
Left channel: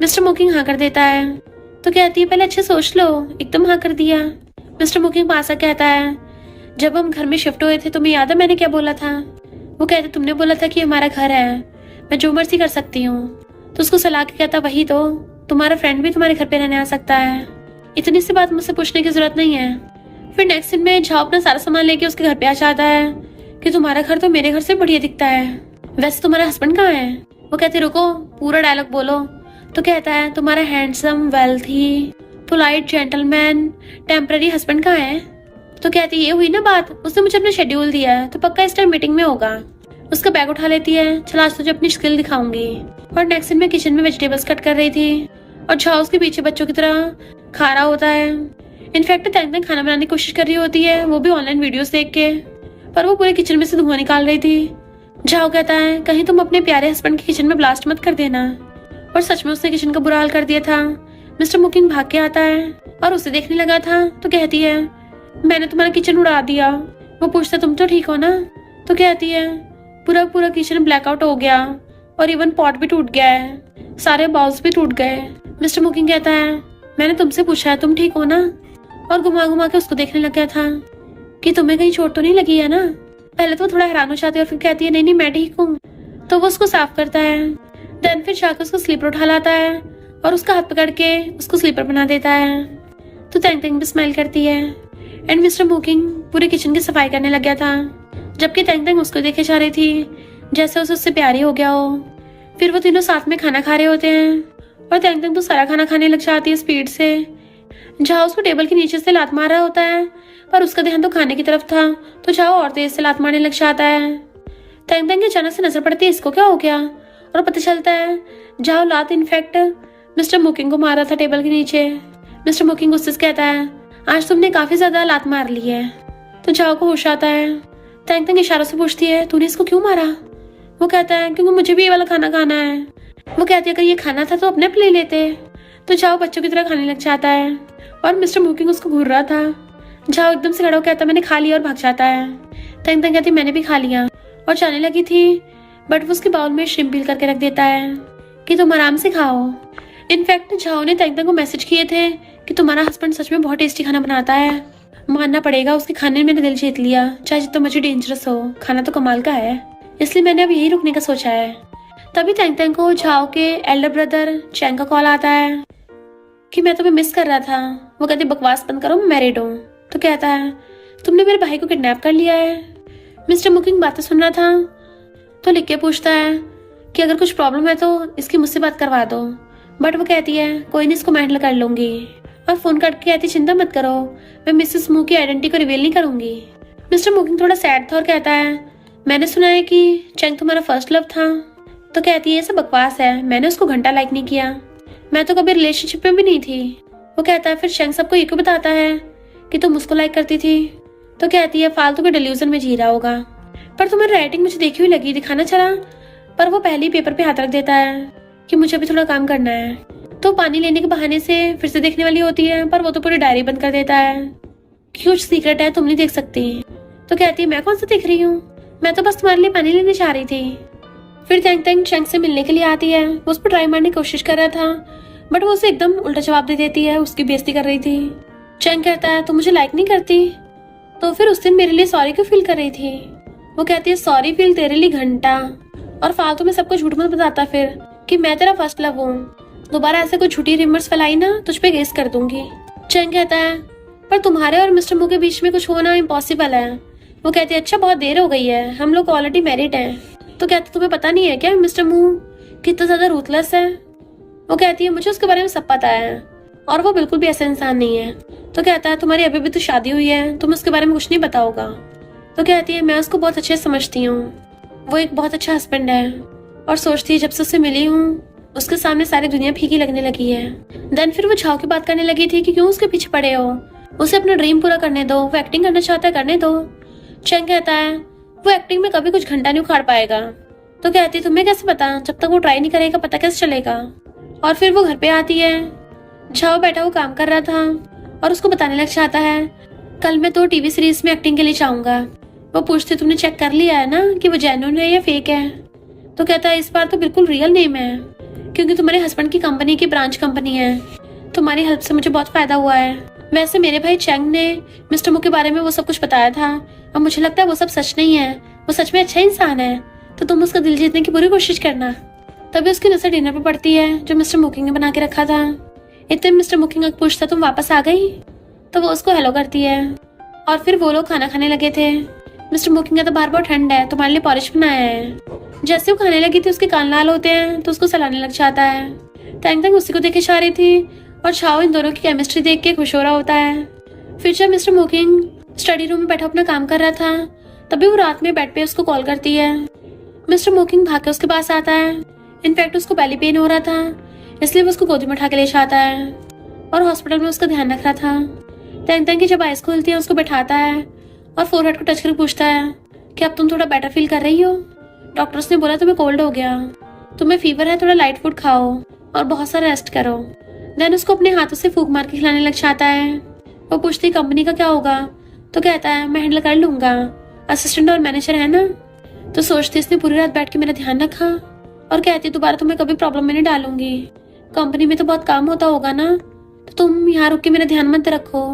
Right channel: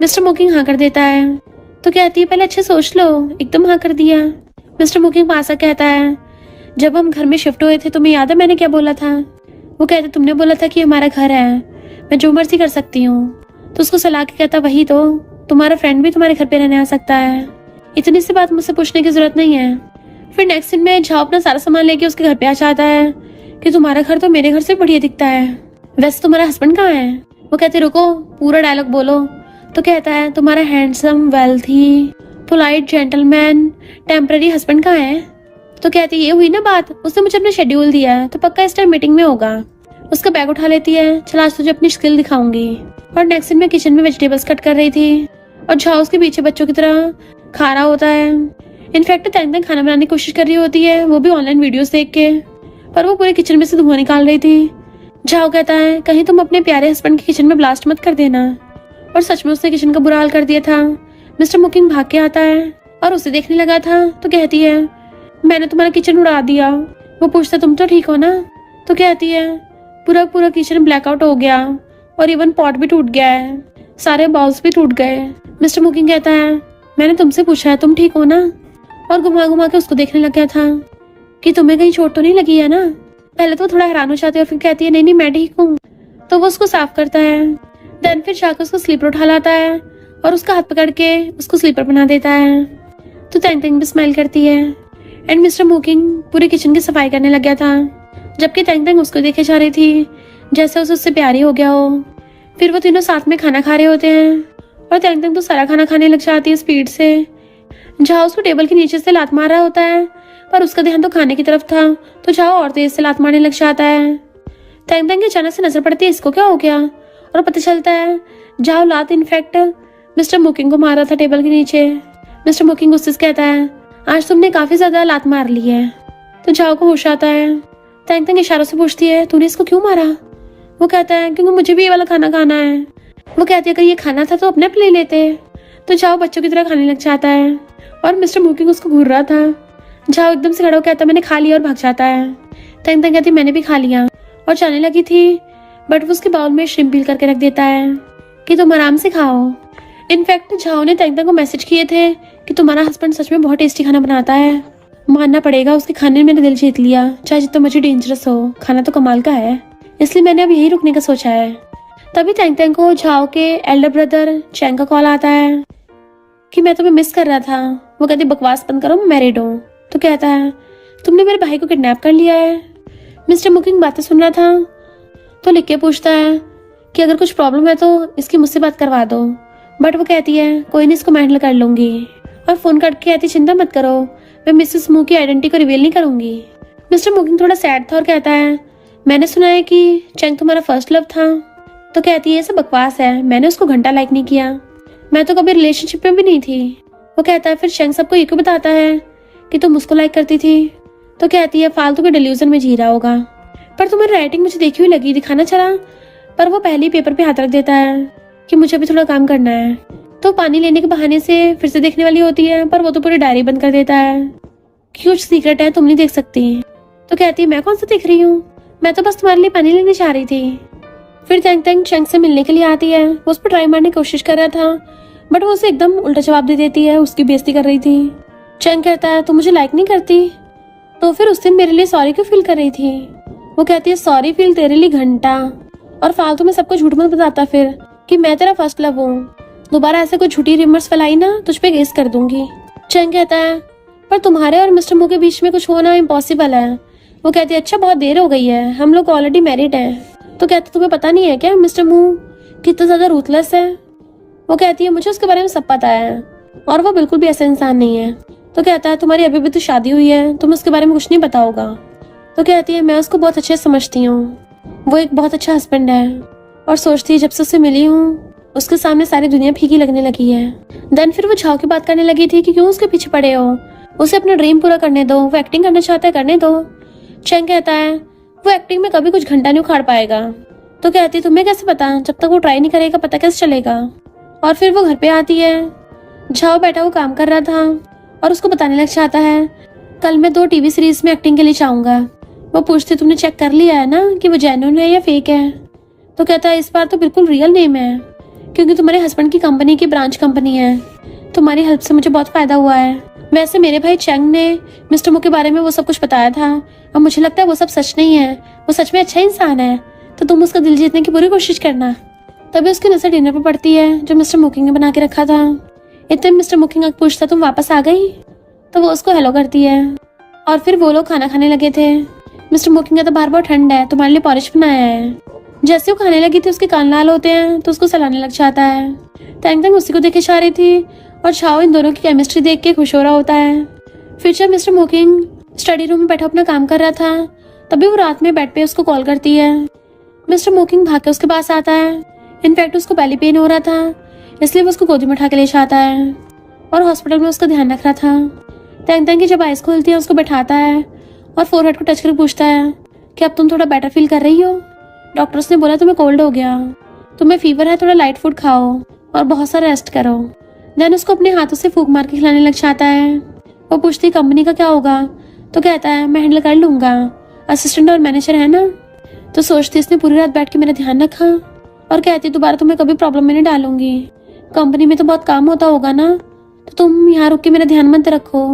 मिस्टर मोकिंग हाँ कर देता है। तो कहती है पहले अच्छे सोच लो, एकदम हाँ कर दिया। मिस्टर मोकिंग पास आकर कहता है जब हम घर में शिफ्ट हुए थे तुम्हें याद है मैंने क्या बोला था। वो कहते तुमने बोला था कि हमारा घर है, मैं जो मर्जी कर सकती हूँ। तो उसको सलाह के कहता वही तो, तुम्हारा फ्रेंड भी तुम्हारे घर पे रहने आ सकता है, इतनी सी बात मुझसे पूछने की जरूरत नहीं है। फिर नेक्स्ट दिन में झाओ अपना सारा सामान लेके उसके घर पे आ जाता है कि तुम्हारा घर तो मेरे घर से बढ़िया दिखता है, वैसे तुम्हारा हस्बैंड कहाँ है। वो कहते रुको पूरा डायलॉग बोलो। तो कहता है तुम्हारा handsome wealthy polite gentleman temporary husband कहाँ है। तो कहती ये हुई ना बात, उसने मुझे अपना शेड्यूल दिया है तो पक्का इस टाइम मीटिंग में होगा। उसका बैग उठा लेती है, चल आज तुझे अपनी स्किल दिखाऊंगी। और नेक्स्ट दिन में किचन में वेजिटेबल्स कट कर रही थी और झाओ उसके पीछे बच्चों की तरह खा रहा होता है। इनफैक्ट तेंग तेंग खाना बनाने की कोशिश कर रही होती है, वो भी ऑनलाइन वीडियोस देख के, पर वो पूरे किचन में से धुआं निकाल रही थी। झाओ कहता है कहीं तुम अपने प्यारे हस्बैंड की किचन में ब्लास्ट मत कर देना, और सच में उसने किचन का बुरा हाल कर दिया था। मिस्टर मोकिंग भाग के आता है और उसे देखने लगा था। तो कहती है मैंने तुम्हारा किचन उड़ा दिया। वो पूछता तुम तो ठीक हो ना। तो कहती है पूरा पूरा किचन ब्लैकआउट हो गया और इवन पॉट भी टूट गया है, सारे बाउल्स भी टूट गए। मिस्टर मोकिंग कहता है मैंने तुमसे पूछा है तुम ठीक हो ना, और घुमा घुमा के उसको देखने लग गया था कि तुम्हें कहीं चोट तो नहीं लगी है ना। पहले तो थोड़ा हैरान हो जाती है और फिर कहती है नहीं नहीं मैं ठीक हूँ। तो वो उसको साफ करता है, देन फिर जाकर उसको स्लीपर उठा लाता है और उसका हाथ पकड़ के उसको स्लीपर बना देता है। तो तेंग तेंग भी स्माइल करती है एंड मिस्टर मोकिंग पूरे किचन की सफाई करने लग गया था, जबकि तेंग तेंग उसको देखे जा रही थी जैसे उसे उससे प्यारी हो गया हो। फिर वो तीनों साथ में खाना खा रहे होते हैं और तैंग तैंग तो सारा खाना खाने लग जाती है स्पीड से। झाओ उसको टेबल के नीचे से लात मार रहा होता है, पर उसका ध्यान तो खाने की तरफ था, तो झाओ और तेज से लात मारने लग जाता है। तैंग तैंग की अचानक से नजर पड़ती है इसको क्या हो गया, और पता चलता है झाओ लात इनफैक्ट मिस्टर मुकिंग को मार रहा था टेबल के नीचे। मिस्टर मुकिंग उससे कहता है, आज तुमने काफी ज्यादा लात मार ली है। तो झाओ को होश आता है। तैंग तैंग इशारों से पूछती है, तूने इसको क्यों मारा? वो कहता है, क्योंकि मुझे भी ये वाला खाना खाना है। वो कहती है, अगर ये खाना था तो अपने ले लेते। तो झाओ बच्चों की तरह खाने लग जाता है और मिस्टर मुकिंग उसको घूर रहा था। झाओ एकदम से खड़ा होकर कहता है, मैंने खा लिया, और भाग जाता है। तैंग तैंग कहती है, मैंने भी खा लिया, और जाने लगी थी, बट वो उसके बाउल में श्रिम्प पील करके रख देता है कि तुम आराम से खाओ। इनफैक्ट झाओ ने तैंग तैंग को मैसेज किए थे कि तुम्हारा हस्बैंड सच में बहुत टेस्टी खाना बनाता है, मानना पड़ेगा, उसके खाने में मैंने दिल जीत लिया, चाहे जितना मुझे डेंजरस हो, खाना तो कमाल का है, इसलिए मैंने अब यही रुकने का सोचा है। तभी तैंग तैंग को झाओ के एल्डर ब्रदर चैंग का कॉल आता है कि मैं तुम्हें मिस कर रहा था। वो कहती, बकवास बंद करो, मैं मैरिड हूँ। तो कहता है, तुमने मेरे भाई को किडनैप कर लिया है। मिस्टर मुकिंग बातें सुन रहा था, तो लिख के पूछता है कि अगर कुछ प्रॉब्लम है तो इसकी मुझसे बात करवा दो, बट वो कहती है, कोई नहीं, इसको मैं हैंडल कर लूंगी। और फोन काट के कहती, चिंता मत करो, मैं मिसेस मू की आइडेंटिटी को रिवील नहीं करूंगी। मिस्टर मुकिंग थोड़ा सैड था और कहता है, मैंने सुना है कि चैंग तुम्हारा फर्स्ट लव था। तो कहती है, ये सब बकवास है, मैंने उसको घंटा लाइक नहीं किया, मैं तो कभी रिलेशनशिप में भी नहीं थी। वो कहता है, फिर चैंग सबको ये क्यों बताता है कि तुम उसको लाइक करती थी? तो कहती है, फालतू के डिल्यूजन में जी रहा होगा, पर तुम्हारी राइटिंग मुझे देखी हुई लगी, दिखाना चला। पर वो पहले ही पेपर पे हाथ रख देता है कि मुझे भी थोड़ा काम करना है। तो पानी लेने के बहाने से फिर से देखने वाली होती है, पर वो तो पूरी डायरी बंद कर देता है कि कुछ सीक्रेट है, तुम नहीं देख सकती। तो कहती है, मैं कौन सा देख रही हूँ, मैं तो बस तुम्हारे लिए पानी लेने जा रही थी। फिर तैंग तैंग चैंग से मिलने के लिए आती है। वो उस पर ट्राई मारने की कोशिश कर रहा था, बट वो उसे एकदम उल्टा जवाब दे देती है, उसकी बेइज्जती कर रही थी। चैंग कहता है, तुम मुझे लाइक नहीं करती, तो फिर उस दिन मेरे लिए सॉरी क्यों फील कर रही थी? वो कहती है, सॉरी फील तेरे लिए घंटा, और फालतू में सबको झूठ मत बताता फिर कि मैं तेरा फर्स्ट लव हूँ। दोबारा ऐसे कोई झूठी रिमर्स फैलाई ना, तुझ पे केस कर दूंगी। चैंग कहता है, पर तुम्हारे और मिस्टर मू के बीच में कुछ होना इम्पॉसिबल है। वो कहती है, अच्छा बहुत देर हो गई है, हम लोग ऑलरेडी मैरिड है। तो कहते, तुम्हें पता नहीं है क्या मिस्टर मू कितना ज्यादा रूथलेस है? वो कहती है, मुझे उसके बारे में सब पता है, और वो बिल्कुल भी ऐसा इंसान नहीं है। तो कहता है, तुम्हारी अभी भी तो शादी हुई है, तुम्हें उसके बारे में कुछ नहीं पता होगा। तो कहती है, मैं उसको बहुत अच्छे से समझती हूँ, वो एक बहुत अच्छा हस्बैंड है, और सोचती है जब से उससे मिली हूँ उसके सामने सारी दुनिया फीकी लगने लगी है। देन फिर वो झाओ की बात करने लगी थी कि क्यों उसके पीछे पड़े हो, उसे अपना ड्रीम पूरा करने दो, वो एक्टिंग करना चाहता है, करने दो। चैंग कहता है, वो एक्टिंग में कभी कुछ घंटा नहीं उखाड़ पाएगा। तो कहती, तुम्हें कैसे पता, जब तक वो ट्राई नहीं करेगा पता कैसे चलेगा। और फिर वो घर पे आती है। झाओ बैठा वो काम कर रहा था और उसको बताने लग जाता है, कल मैं 2 टीवी सीरीज में एक्टिंग के लिए जाऊंगा। वो पूछती, तुमने चेक कर लिया है ना कि वो जेन्युइन है या फेक है? तो कहता है, इस बार तो बिल्कुल रियल नेम है, क्योंकि तुम्हारे हस्बैंड की कंपनी की ब्रांच कंपनी है। तुम्हारी हेल्प से मुझे बहुत फायदा हुआ है। वैसे मेरे भाई चैंग ने मिस्टर मू के बारे में वो सब कुछ बताया था, और मुझे लगता है वो सब सच नहीं है, वो सच में अच्छा इंसान है, तो तुम उसका दिल जीतने की पूरी कोशिश करना। तभी उसकी नजर डिनर पे पड़ती है जो मिस्टर मुकिंग ने बना के रखा था। इतने मिस्टर मुकिंग पूछता, तुम वापस आ गई? तो वो उसको हेलो करती है, और फिर वो लोग खाना खाने लगे थे। मिस्टर मुकिंग का तो बाहर बहुत ठंड है, तुम्हारे लिए पॉरिश बनाया है। जैसे वो खाने लगी थी उसके कान लाल होते हैं, तो उसको सलाने लग जाता है। तैंग तैंग उसी को देख के जा रही थी, और झाओ इन दोनों की केमिस्ट्री देख के खुश हो रहा होता है। फिर जब मिस्टर मुकिंग स्टडी रूम में बैठा अपना काम कर रहा था, तभी वो रात में बेड पे उसको कॉल करती है। मिस्टर मुकिंग भाग के उसके पास आता है। इनफैक्ट उसको पहले पेन हो रहा था, इसलिए वो उसको गोदी में उठा के ले जाता है, और हॉस्पिटल में उसका ध्यान रख रहा था। तैंग तैंग की जब आइज खुलती है उसको बैठाता है और फोरहेड को टच करके पूछता है कि अब तुम थोड़ा बेटर फील कर रही हो? डॉक्टर्स ने बोला तुम्हें कोल्ड हो गया, तुम्हें फीवर है, थोड़ा लाइट फूड खाओ और बहुत सारा रेस्ट करो। देन उसको अपने हाथों से फूंक मार के खिलाने लग जाता है। वो पूछती, कंपनी का क्या होगा? तो कहता है, मैं हैंडल कर लूंगा, असिस्टेंट और मैनेजर है ना। तो सोचती, इसने पूरी रात बैठ के मेरा ध्यान रखा, और कहती, दोबारा तुम्हें कभी प्रॉब्लम में नहीं डालूंगी, कंपनी में तो बहुत काम होता होगा ना, तो तुम यहाँ रुक के मेरा ध्यान मत रखो,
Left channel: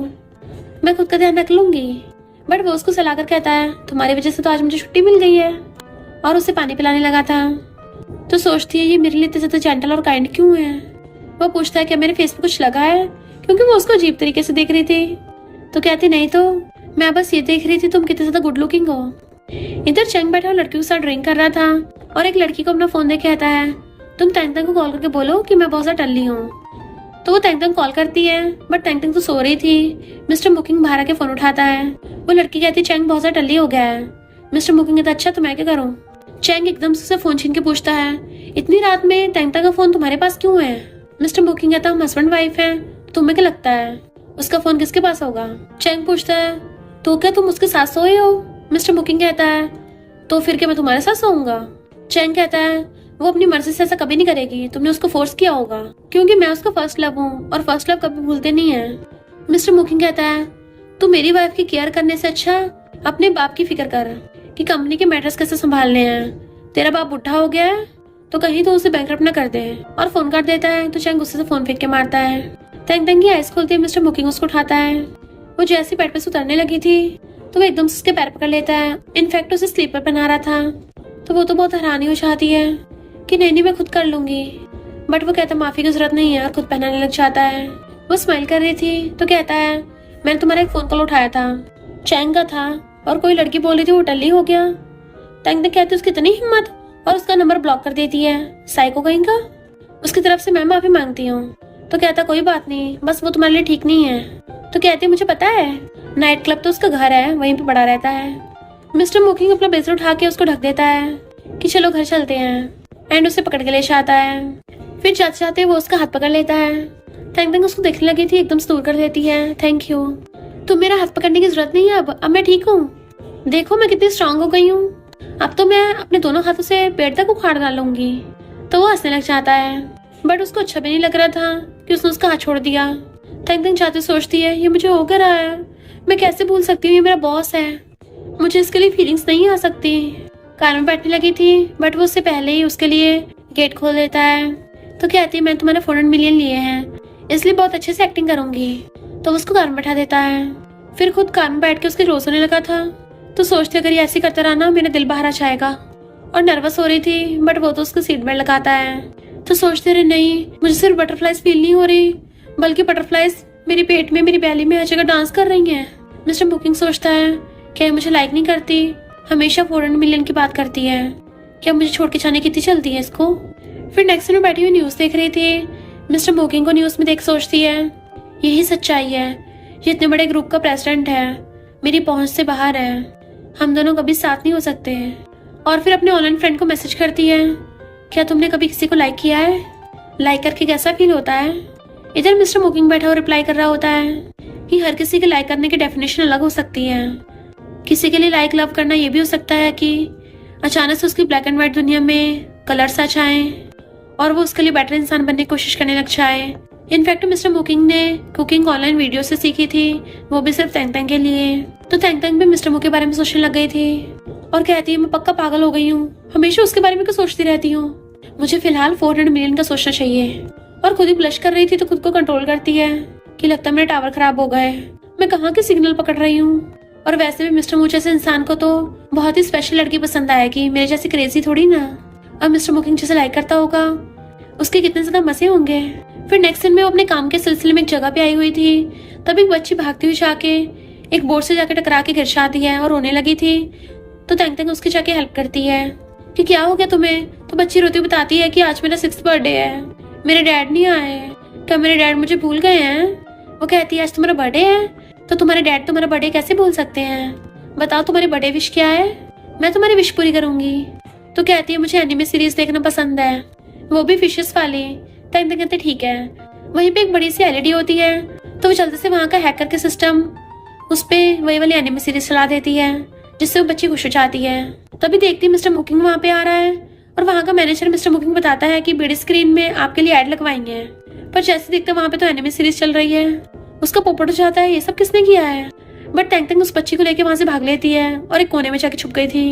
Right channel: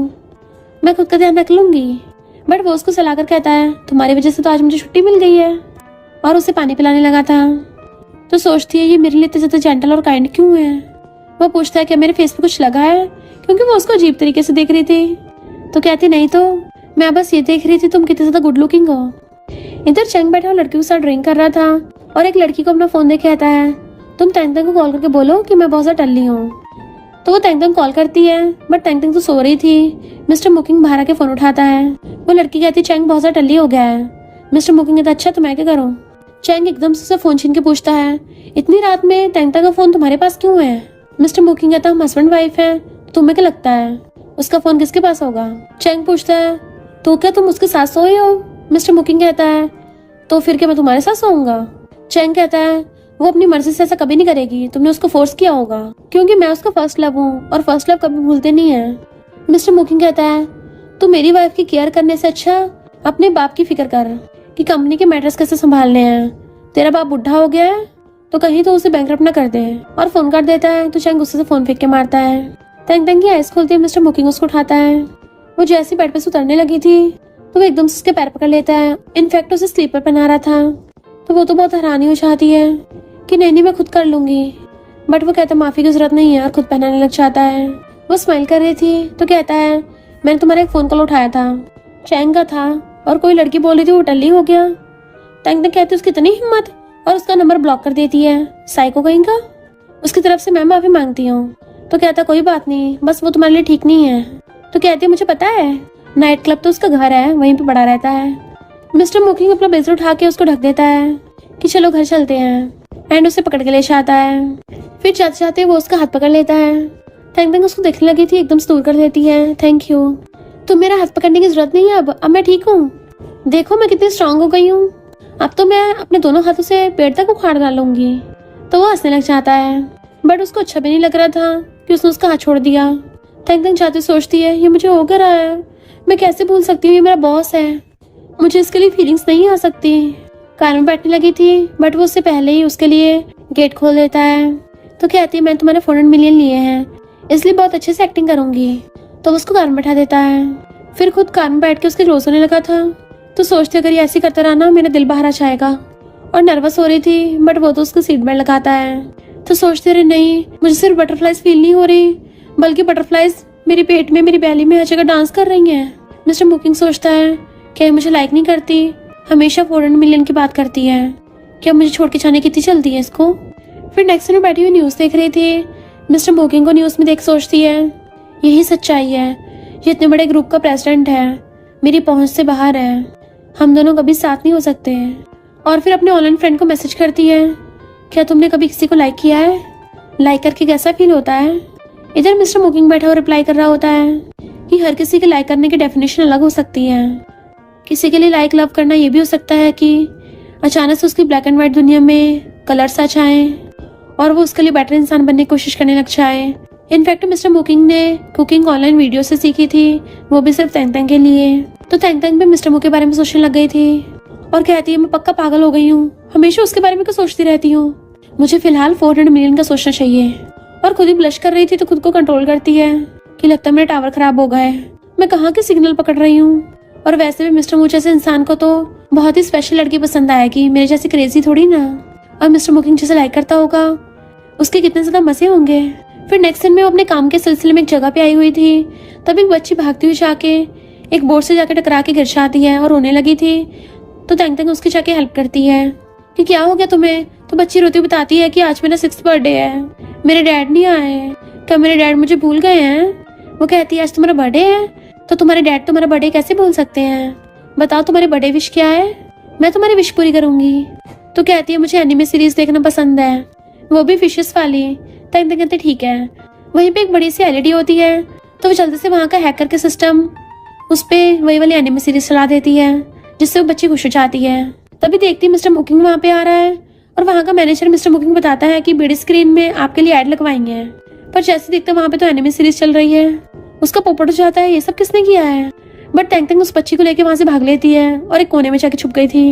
मैं खुद का ध्यान रख लूंगी। बट वो उसको सलाह कर कहता है, तुम्हारी वजह से तो आज मुझे छुट्टी मिल गई है, और उसे पानी पिलाने लगा था। तो सोचती है, ये मेरे लिए इतना ज्यादा जेंटल और काइंड क्यों है? वो पूछता है, क्या मेरे फेस पे कुछ लगा है? क्योंकि वो उसको अजीब तरीके से देख रही थी। तो कहती, नहीं तो मैं बस ये देख रही थी तुम कितने ज्यादा गुड लुकिंग हो। इधर चैंग बैठा लड़की के साथ ड्रिंक कर रहा था, और एक लड़की को अपना फोन देके कहता है, तुम तैंतंग को कॉल करके बोलो कि मैं बहुत ज्यादा टल्ली हूँ। तो वो तैंतंग कॉल करती है, बट तैंतंग तो सो रही थी। मिस्टर मुकिंग बाहर आके फोन उठाता है। वो लड़की कहती है चैंग बहुत ज्यादा टल्ली हो गया है। मिस्टर मुकिंग कहता अच्छा तो मैं क्या करूँ। चैंग एकदम से फोन छीन के पूछता है इतनी रात में तैंतंग का फोन तुम्हारे पास क्यों है। मिस्टर मुकिंग कहता हम हस्बैंड वाइफ है, तुम्हें क्या लगता है उसका फोन किसके पास होगा। चैंग पूछता है तो क्या तुम उसके साथ सोए हो। मिस्टर मुकिंग कहता है तो फिर क्या मैं तुम्हारे साथ सोऊंगा। चैंग कहता है वो अपनी मर्जी से ऐसा कभी नहीं करेगी, तुमने उसको फोर्स किया होगा, क्योंकि मैं उसका फर्स्ट लव हूँ और फर्स्ट लव कभी भूलते नहीं है। मिस्टर मुकिंग कहता है तू मेरी वाइफ की केयर करने से अच्छा अपने बाप की फिक्र कर कि कंपनी के मैटर्स कैसे संभालने हैं। तेरा बाप बुढ़ा हो गया है तो कहीं तो उसे बैंकरप्ट ना कर दे। और फोन कर देता है तो चैंग गुस्से से फोन फेंक के मारता है। तैंतंग की आइस खोलते ही मिस्टर मुकिंग उसको उठाता है। वो जैसे बेड पे से उतरने लगी थी तो वो एकदम से उसके पैर पकड़ लेता है। इनफैक्ट उसे स्लीपर पहना रहा था। तो वो तो बहुत हैरानी हो जाती है कि नहीं मैं खुद कर लूंगी, बट वो कहता माफी की जरूरत नहीं है और खुद पहनाने लग जाता है। वो स्माइल कर रही थी तो कहता है मैंने तुम्हारा एक फोन कॉल उठाया था, चैंग का था, और कोई लड़की बोल रही थी वो टल्ली हो गया। तैंतंग कहती उसकी इतनी हिम्मत, और उसका नंबर ब्लॉक कर देती है। साइको कहीं का। उसकी तरफ से मैं माफी मांगती हूँ। तो कहता कोई बात नहीं, बस वो तुम्हारे लिए ठीक नहीं है। तो कहती है मुझे पता है, नाइट क्लब तो उसका घर है, वहीं पे पड़ा रहता है। मिस्टर मुकिंग अपना ब्लेजर उठा के उसको ढक देता है कि चलो घर चलते हैं, एंड उसे पकड़ के ले जाता है। फिर जाते जाते वो उसका हाथ पकड़ लेता है। तैंतंग उसको देखने लगी थी, एकदम से दूर कर देती है। थैंक यू, तुम मेरा हाथ पकड़ने की जरूरत नहीं है, अब मैं ठीक हूँ। देखो मैं कितनी स्ट्रांग हो गई हूँ, अब तो मैं अपने दोनों हाथों से पेट तक उखाड़ डालूंगी। तो वो हंसने लग जाता है, बट उसको अच्छा भी नहीं लग रहा था कि उसने उसका हाथ छोड़ दिया। तैंतंग जाते सोचती है ये मुझे हो कर रहा है, मैं कैसे भूल सकती हूँ, ये मेरा बॉस है, मुझे इसके लिए फीलिंग्स नहीं आ सकती। कार में बैठने लगी थी, बट वो उससे पहले ही उसके लिए गेट खोल देता है। तो कहती है मैंने तुम्हारे 400 मिलियन लिए हैं, इसलिए बहुत अच्छे से एक्टिंग करूंगी। तो उसको कार में बैठा देता है। फिर खुद कार में बैठ के उसके क्लोज होने लगा था। तो सोचते अगर ये ऐसे करता रहा ना मेरा दिल बाहर आ जाएगा। और नर्वस हो रही थी, बट वो तो उसको सीट बेल्ट लगाता है। तो सोचते रहे नहीं, मुझे सिर्फ बटरफ्लाइज फील नहीं हो रही, बल्कि बटरफ्लाइज मेरे पेट में, मेरी बैली में हर जगह डांस कर रही हैं। मिस्टर मुकिंग सोचता है क्या मुझे लाइक नहीं करती, हमेशा 400 मिलियन की बात करती है, क्या मुझे छोड़ के जाने कितनी जल्दी है इसको। फिर नेक्स्ट में बैठी हुई न्यूज देख रही थी। मिस्टर मुकिंग को न्यूज में देख सोचती है यही सच्चाई है, ये इतने बड़े ग्रुप का प्रेसिडेंट है, मेरी पहुंच से बाहर है, हम दोनों कभी साथ नहीं हो सकते। और फिर अपने ऑनलाइन फ्रेंड को मैसेज करती है क्या तुमने कभी किसी को लाइक किया है, लाइक करके कैसा फील होता है। इधर मिस्टर मुकिंग बैठा और रिप्लाई कर रहा होता है कि हर किसी के लाइक करने की डेफिनेशन अलग हो सकती है। किसी के लिए लाइक लव करना ये भी हो सकता है कि अचानक से उसकी ब्लैक एंड व्हाइट दुनिया में कलर्स आ जाए और वो उसके लिए बेटर इंसान बनने की कोशिश करने लग जाए। इनफैक्ट मिस्टर मुकिंग ने कुकिंग ऑनलाइन वीडियो से सीखी थी, वो भी सिर्फ तैंतंग के लिए। तो तैंतंग भी मिस्टर मुकिंग के बारे में सोचने लग गई थी और कहती है मैं पक्का पागल हो गई हूँ, हमेशा उसके बारे में क्यों सोचती रहती हूँ, मुझे फिलहाल 400 मिलियन का सोचना चाहिए। और खुद ही ब्लश कर रही थी तो खुद को कंट्रोल करती है कि लगता है मेरा टावर खराब हो गया है, मैं कहाँ के सिग्नल पकड़ रही हूँ। और वैसे भी मिस्टर मुकिंग जैसे इंसान को तो बहुत ही स्पेशल लड़की पसंद आएगी, मेरे जैसी क्रेजी थोड़ी ना। और मिस्टर मुकिंग जैसे लाइक करता होगा, उसके कितने ज्यादा मजे होंगे। फिर नेक्स्ट दिन में वो अपने काम के सिलसिले में एक जगह पे आई हुई थी, तभी एक बच्ची भागती हुई जाके एक बोर्ड से जाके टकरा के गिर जाती है और रोने लगी थी। तो तैंतंग उसकी जाके हेल्प करती है कि क्या हो गया तुम्हें। तो बच्ची रोती बताती है कि आज मेरा 6th बर्थडे है, मेरे डैड नहीं आए, क्या मेरे डैड मुझे भूल गए हैं। वो कहती है आज तुम्हारा बर्थडे है, तो तुम्हारे डैड तुम्हारा बर्थडे कैसे भूल सकते हैं, बताओ तुम्हारी बर्थडे विश क्या है, मैं तुम्हारी विश पूरी करूंगी। तो कहती है मुझे एनिमे सीरीज देखना पसंद है, वो भी फिशेस वाली। तैंतंग कहते ठीक है। वहीं पे एक बड़ी सी एलईडी होती है, तो वो जल्दी से वहाँ का हैक करके सिस्टम उस पे वही वाली एनिमे सीरीज चला देती है, जिससे वो बच्ची खुश हो जाती है। तभी देखती है मिस्टर मुकिंग वहाँ पे आ रहा है और वहाँ का मैनेजर मिस्टर मुकिंग बताता है कि बड़ी स्क्रीन में आपके लिए एड लगवाएंगे हैं। पर जैसे देखते वहाँ पे तो एनिमे सीरीज चल रही है, उसका पोपट हो जाता है ये सब किसने किया है। बट तैंतंग उस बच्ची को लेके वहाँ से भाग लेती है और एक कोने में जाके छुप गई थी।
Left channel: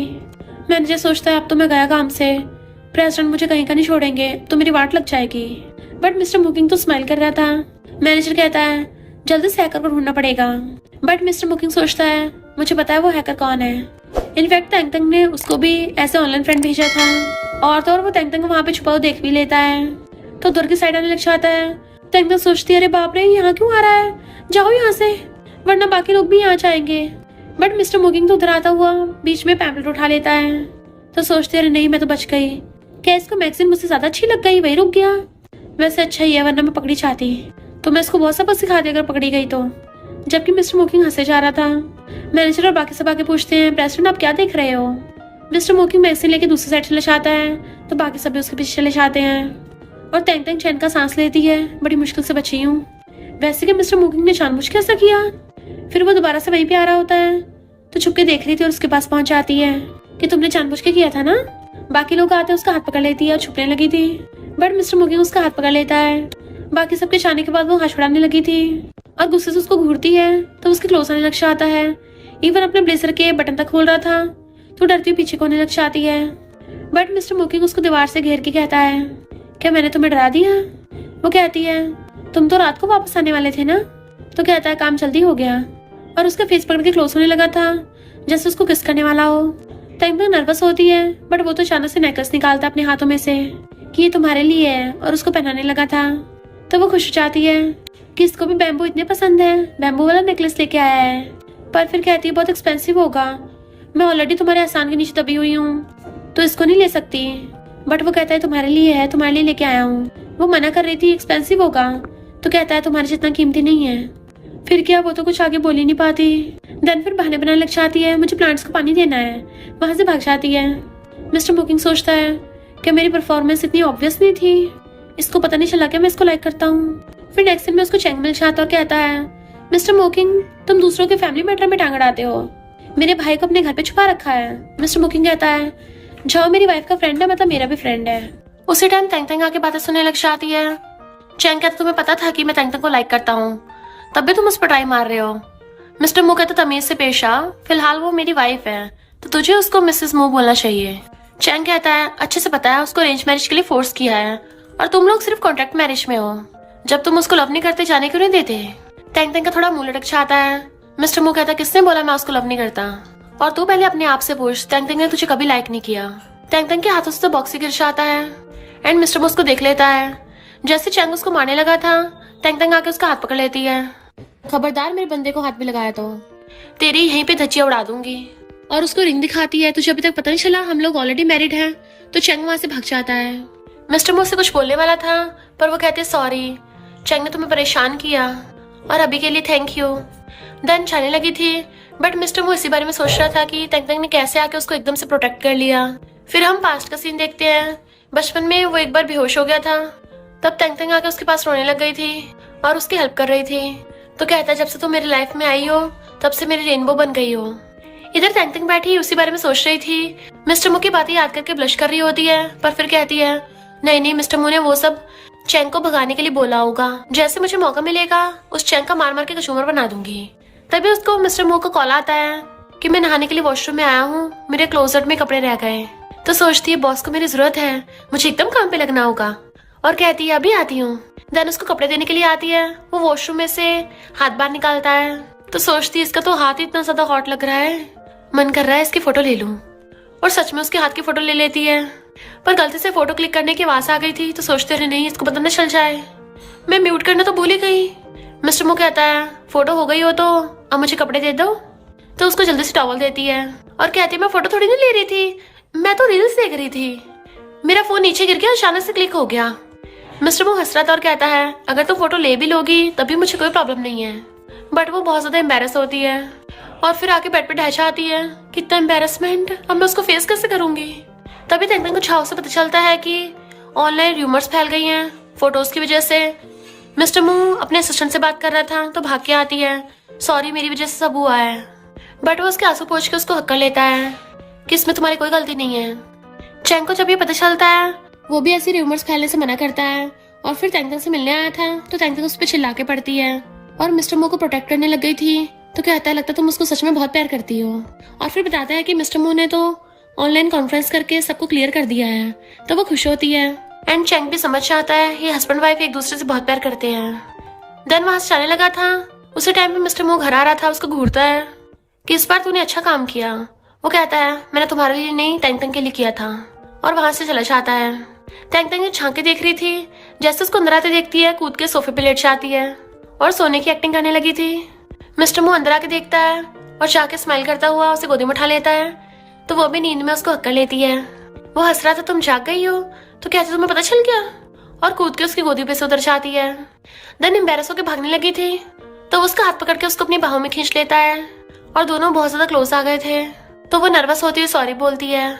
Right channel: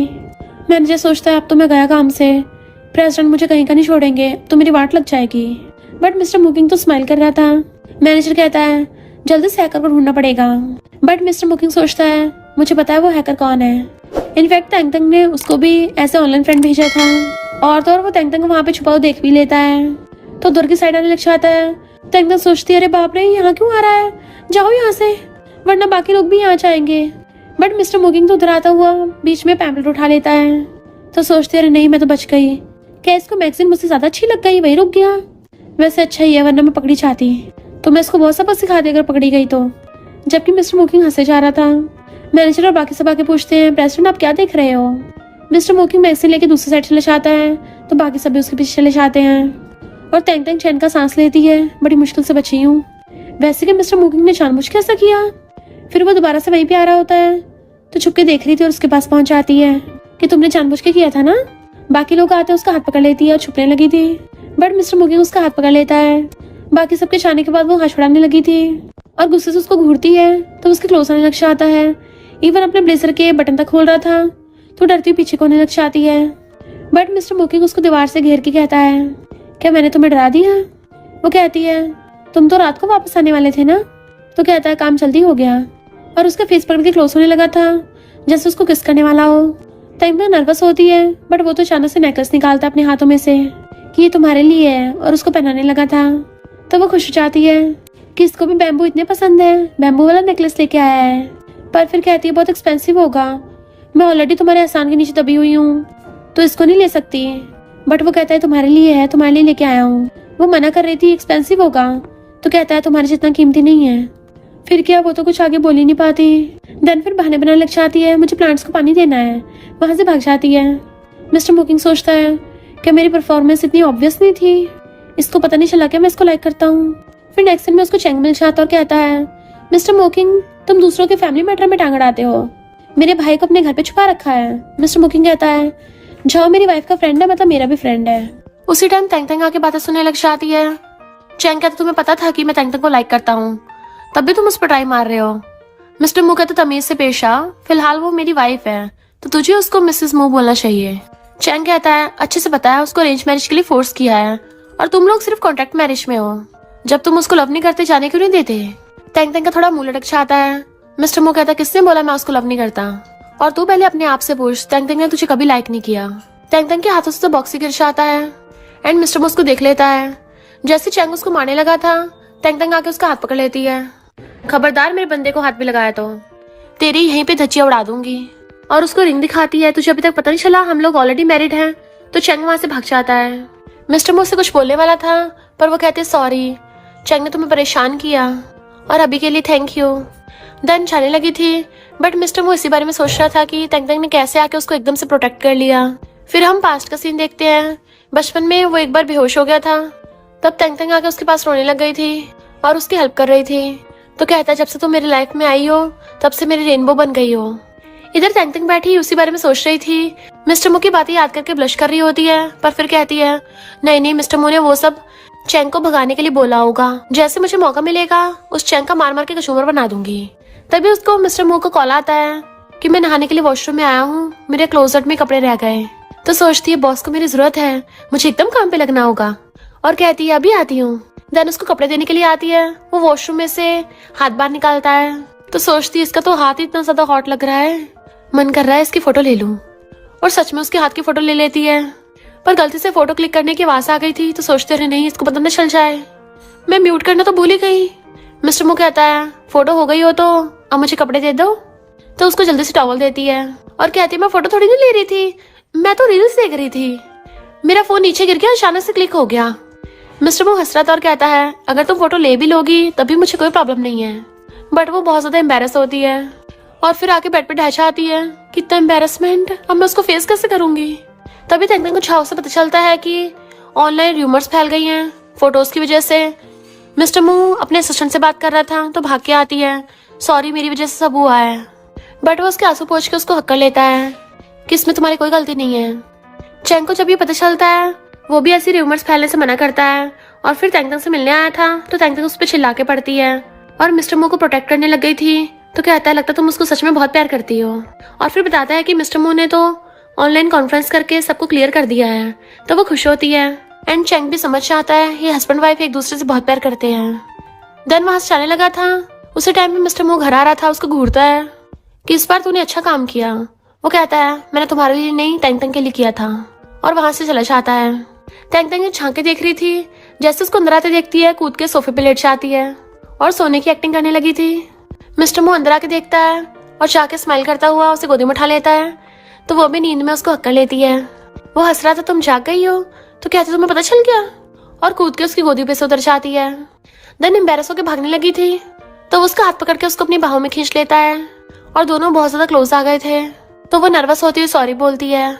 मैनेजर सोचता है अब तो मैं गया काम से, प्रेसिडेंट मुझे कहीं का नहीं छोड़ेंगे, तो मेरी वाट लग जाएगी। बट मिस्टर मुकिंग तो स्माइल कर रहा था। मैनेजर कहता है जल्दी से हैकर को ढूंढना पड़ेगा। बट मिस्टर मुकिंग सोचता है मुझे पता है वो हैकर कौन है। इनफैक्ट तैंतंग ने उसको भी ऐसे ऑनलाइन फ्रेंड भेजा था, और तो और वो तैंतंग को वहाँ पे छुपा हुआ देख भी लेता है। तो दूर की साइड आने लग जाता है। तैंतंग सोचती है अरे बाप रे यहाँ क्यों आ रहा है, जाओ यहाँ से वरना बाकी लोग भी यहाँ जाएंगे। बट मिस्टर मुकिंग तो उधर आता हुआ बीच में पैम्पलेट उठा लेता है। तो सोचते अरे नहीं मैं तो बच गई, क्या इसको मैगजीन मुझसे ज्यादा अच्छी लग गई, वही रुक गया। वैसे अच्छा ही है, वरना मैं पकड़ी चाहती तो मैं इसको बहुत सबक सिखा दी अगर पकड़ी गई तो। जबकि मिस्टर मोकिंग हंसे जा रहा था। मैनेजर और बाकी सब आके पूछते हैं, प्रेसिडेंट आप क्या देख रहे हो? मिस्टर मोकिंग मैगजीन लेके दूसरी साइड चले जाता है तो बाकी सब भी उसके पीछे चले जाते हैं। और टैंग टैंग चैन का सांस लेती है, बड़ी मुश्किल से बची हूँ। वैसे कि मिस्टर मोकिंग ने जानबूझ के ऐसा किया। फिर वो दोबारा से वहीं पे आ रहा होता है तो छुप के देख रही थी और उसके पास पहुंच जाती है कि तुमने जानबूझ के किया था ना। बाकी लोग आते हैं, उसका हाथ पकड़ लेती है, छुपने लगी थी बट मिस्टर मोकिंग उसका हाथ पकड़ लेता है। बाकी सबके जाने के बाद वो हाथ छुड़ाने लगी थी और गुस्से से उसको घूरती है तो उसके क्लोज आने लग जाता है। इवन अपने ब्लेजर के बटन तक खोल रहा था तो डरती पीछे को होने लग जाती है। बट मिस्टर मोकिंग उसको दीवार से घेर के कहता है, क्या मैंने तुम्हें डरा दिया? वो कहती है, तुम तो रात को वापस आने वाले थे ना। तो कहता है, काम जल्दी हो गया। और उसके फेस पकड़ के क्लोज होने लगा था जैसे उसको किस करने वाला हो। टाइम नर्वस होती है बट वो तो अचानक से नेकलेस निकालता है अपने हाथों में से कि ये तुम्हारे लिए है और उसको पहनाने लगा था। तो वो खुश हो जाती है कि इसको भी बैम्बू इतने पसंद है, बैम्बू वाला नेकलेस लेके आया है। पर फिर कहती है, बहुत एक्सपेंसिव होगा, मैं ऑलरेडी तुम्हारे आसान के नीचे दबी हुई हूँ तो इसको नहीं ले सकती। बट वो कहता है, तुम्हारे लिए है, तुम्हारे लिए लेके आया हूँ। वो मना कर रही थी एक्सपेंसिव होगा तो कहता है, तुम्हारे जितना कीमती नहीं है। फिर क्या, वो तो कुछ आगे बोल ही नहीं पाती। देन फिर बहाने बनाने लग जाती है, मुझे प्लांट्स को पानी देना है, वहां से भाग जाती है। मिस्टर मोकिंग सोचता है कि मेरी परफॉर्मेंस इतनी ऑब्वियस नहीं थी, इसको पता नहीं चला कि मैं इसको लाइक करता हूँ। फिर नेक्स्ट दिन में उसको चैंग मिल जाता और कहता है, मिस्टर मोकिंग तुम दूसरों के फैमिली मैटर में टांग अड़ाते हो, मेरे भाई को अपने घर पे छुपा रखा है। मिस्टर मोकिंग कहता है, जाओ, मेरी वाइफ का फ्रेंड है, मतलब मेरा भी फ्रेंड है। उसी टाइम तंग तंग आके बातें सुनने लग जाती है। चैंग कहता, तुम्हें पता था कि मैं तंग तंग को लाइक करता हूँ, तब भी तुम उस पर ट्राई मार रहे हो। मिस्टर मो कहते, तमीज से पेश आ, फिलहाल वो मेरी वाइफ है तो तुझे उसको मिसेस मो बोलना चाहिए। चैंग कहता है, अच्छे से पता है, उसको अरेंज मैरिज के लिए फोर्स किया है और तुम लोग सिर्फ कॉन्ट्रैक्ट मैरिज में हो। जब तुम उसको लव नहीं करते, जाने क्यों नहीं देते? टैंग टैंग का थोड़ा मुंह लटक जाता है। मिस्टर मो कहता है, किसने बोला मैं उसको लव नहीं करता? और तू पहले अपने आप से पूछ, टैंग टैंग ने तुझे कभी लाइक नहीं किया। टैंग टैंग के हाथों से तो बॉक्स ही गिर जाता है एंड मिस्टर मो उसको देख लेता है। जैसे चैंग उसको मारने लगा था, टैंग टैंग आके उसका हाथ पकड़ लेती है। खबरदार मेरे बंदे को हाथ भी लगाया तो तेरी यहीं पे धज्जियां उड़ा दूंगी। और उसको रिंग दिखाती है, तुझे अभी तक पता नहीं चला हम लोग ऑलरेडी मैरिड हैं। तो चैंग वहां से भाग जाता है। मिस्टर मो से कुछ बोलने वाला था पर वो कहते, सॉरी चैंग ने तुम्हें परेशान किया और अभी के लिए थैंक यू। देन जाने लगी थी बट मिस्टर मो इसी बारे में सोच रहा था कि टैंग टैंग ने कैसे आके उसको एकदम से प्रोटेक्ट कर लिया। फिर हम पास्ट का सीन देखते हैं। बचपन में वो एक बार बेहोश हो गया था, तब टैंग टैंग आके उसके पास रोने लग गई थी और उसकी हेल्प कर रही थी। तो कहता है, जब से तुम मेरी लाइफ में आई हो तब से मेरी रेनबो बन गई हो। इधर टैंग टैंग बैठी उसी बारे में सोच रही थी। मिस्टर मो की बातें याद करके ब्लश कर रही होती है पर फिर कहती है, नहीं नहीं, मिस्टर मो ने वो सब चैंग को भगाने के लिए बोला होगा। जैसे मुझे मौका मिलेगा उस चैंग का मार मार के कचूमर बना दूंगी। तभी उसको मिस्टर मो का कॉल आता है कि मैं नहाने के लिए वॉशरूम में आया हूँ, मेरे क्लोजेट में कपड़े रह गए। तो सोचती है, बॉस को मेरी जरूरत है, मुझे एकदम काम पे लगना होगा। और कहती है, अभी आती हूँ। देन उसको कपड़े देने के लिए आती है। वो वॉशरूम में से हाथ बाहर निकालता है तो सोचती है, इसका तो हाथ इतना ज्यादा हॉट लग रहा है, मन कर रहा है इसकी फोटो ले लूं। और सच में उसके हाथ की फोटो ले लेती है पर गलती से फोटो क्लिक करने की आवाज आ गई थी तो सोचते रहे, नहीं इसको पता न चल जाए, मैं म्यूट करना तो भूल ही गई। मिस्टर मो कहता है, फोटो हो गई हो तो अब मुझे कपड़े दे दो। तो उसको जल्दी से टॉवल देती है और कहती है, मैं फोटो थोड़ी नहीं ले रही थी, मैं तो रील्स देख रही थी, मेरा फोन नीचे गिर गया और अचानक से क्लिक हो गया। मिस्टर मो हंस रहा था और कहता है, अगर तुम फोटो ले भी लोगी तभी मुझे कोई प्रॉब्लम नहीं है। बट वो बहुत ज्यादा एम्बेरस होती है और फिर आके बेड पे ढह जाती है। कितना एम्बेरसमेंट, अब मैं उसको फेस कैसे करूंगी? तभी टैंग टैंग को छाव से पता चलता है कि ऑनलाइन र्यूमर्स फैल गई हैं फोटोज की वजह से। मिस्टर मो अपने असिस्टेंट से बात कर रहा था तो भाग के आती है, सॉरी मेरी वजह से सब हुआ है। बट वो उसके आंसू पोंछ के उसको हक्का लेता है कि इसमें तुम्हारी कोई गलती नहीं है। चैंग को जब ये पता चलता है वो भी ऐसी र्यूमर्स फैलने से मना करता है और फिर टैंग टैंग से मिलने आया था तो टैंग टैंग उस पर चिल्ला के पड़ती है और मिस्टर मो को प्रोटेक्ट करने लग गई थी। तो कहता है, लगता तुम उसको सच में बहुत प्यार करती हो। और फिर बताता है कि मिस्टर मो ने तो ऑनलाइन कॉन्फ्रेंस करके सबको क्लियर कर दिया है। तो वो खुश होती है एंड चैंग भी समझ जाता है ये हस्बैंड वाइफ एक दूसरे से बहुत प्यार करते हैं। देन वहां से जाने लगा था। उसी टाइम पे मिस्टर मो घर आ रहा था, उसको घूरता है कि इस बार तूने अच्छा काम किया। वो कहता है, मैंने तुम्हारे लिए नहीं टैंग टैंग के लिए किया था। और वहां से चला जाता है। टैंग टैंग झांके देख रही थी, जैसे उसको अंदर आते देखती है कूद के सोफे पे लेट जाती है और सोने की एक्टिंग करने लगी थी। मिस्टर मो अंदर आके देखता है और जाके स्माइल करता हुआ उसे गोदी में उठा लेता है तो वो भी नींद में उसको हक्का लेती है। वो हंस रहा था तुम जाग गई हो, तो कहते तुम्हें पता चल गया, और कूद के उसकी गोदी पे से उतर जाती है। देन एम्बेरस होकर भागने लगी थी तो वो उसका हाथ पकड़ के उसको अपनी बाहों में खींच लेता है और दोनों बहुत ज्यादा क्लोज आ गए थे। तो वो नर्वस होती हुई सॉरी बोलती है,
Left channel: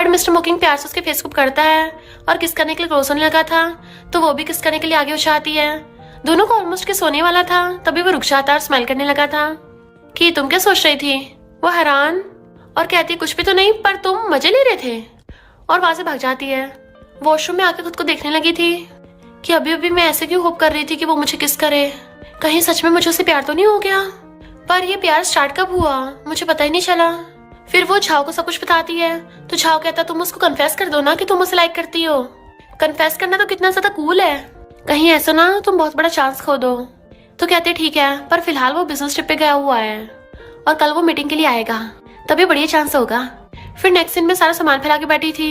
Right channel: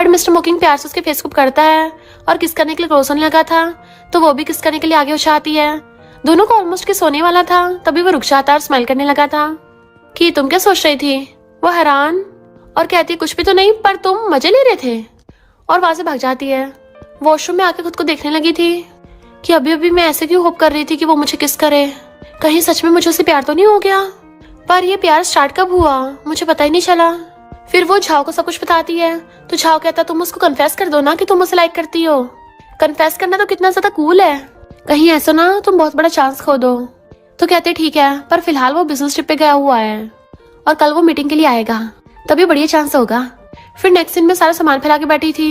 बट मिस्टर मोकिंग प्यार से उसके फेस को पकड़ता है और किस करने के लिए क्लोज होने लगा था तो वो भी किस करने के लिए आगे हो जाती है। दोनों को ऑलमोस्ट के सोने वाला था तभी वो रुक जाता और स्माइल करने लगा था कि तुम क्या सोच रही थी। वो हैरान और कहती है कुछ भी तो नहीं, पर तुम मजे ले रहे थे, और वहां से भाग जाती है। वॉशरूम में आके खुद को देखने लगी थी कि अभी अभी मैं ऐसे क्यों होप कर रही थी कि वो मुझे किस करे, कहीं सच में मुझे उससे प्यार तो नहीं हो गया। पर ये प्यार स्टार्ट कब हुआ मुझे पता ही नहीं चला। फिर वो झाओ को सब कुछ बताती है तो झाओ कहता तुम उसको कन्फेस कर दो ना कि तुम उसे लाइक करती हो। कन्फेस करना तो कितना ज्यादा कूल है, कहीं ऐसा ना तुम बहुत बड़ा चांस खो दो। तो कहते ठीक है, पर फिलहाल वो बिजनेस ट्रिप पे गया हुआ है और कल वो मीटिंग के लिए आएगा, तभी बढ़िया चांस होगा। फिर नेक्स्ट सीन में सारा सामान फैला के बैठी थी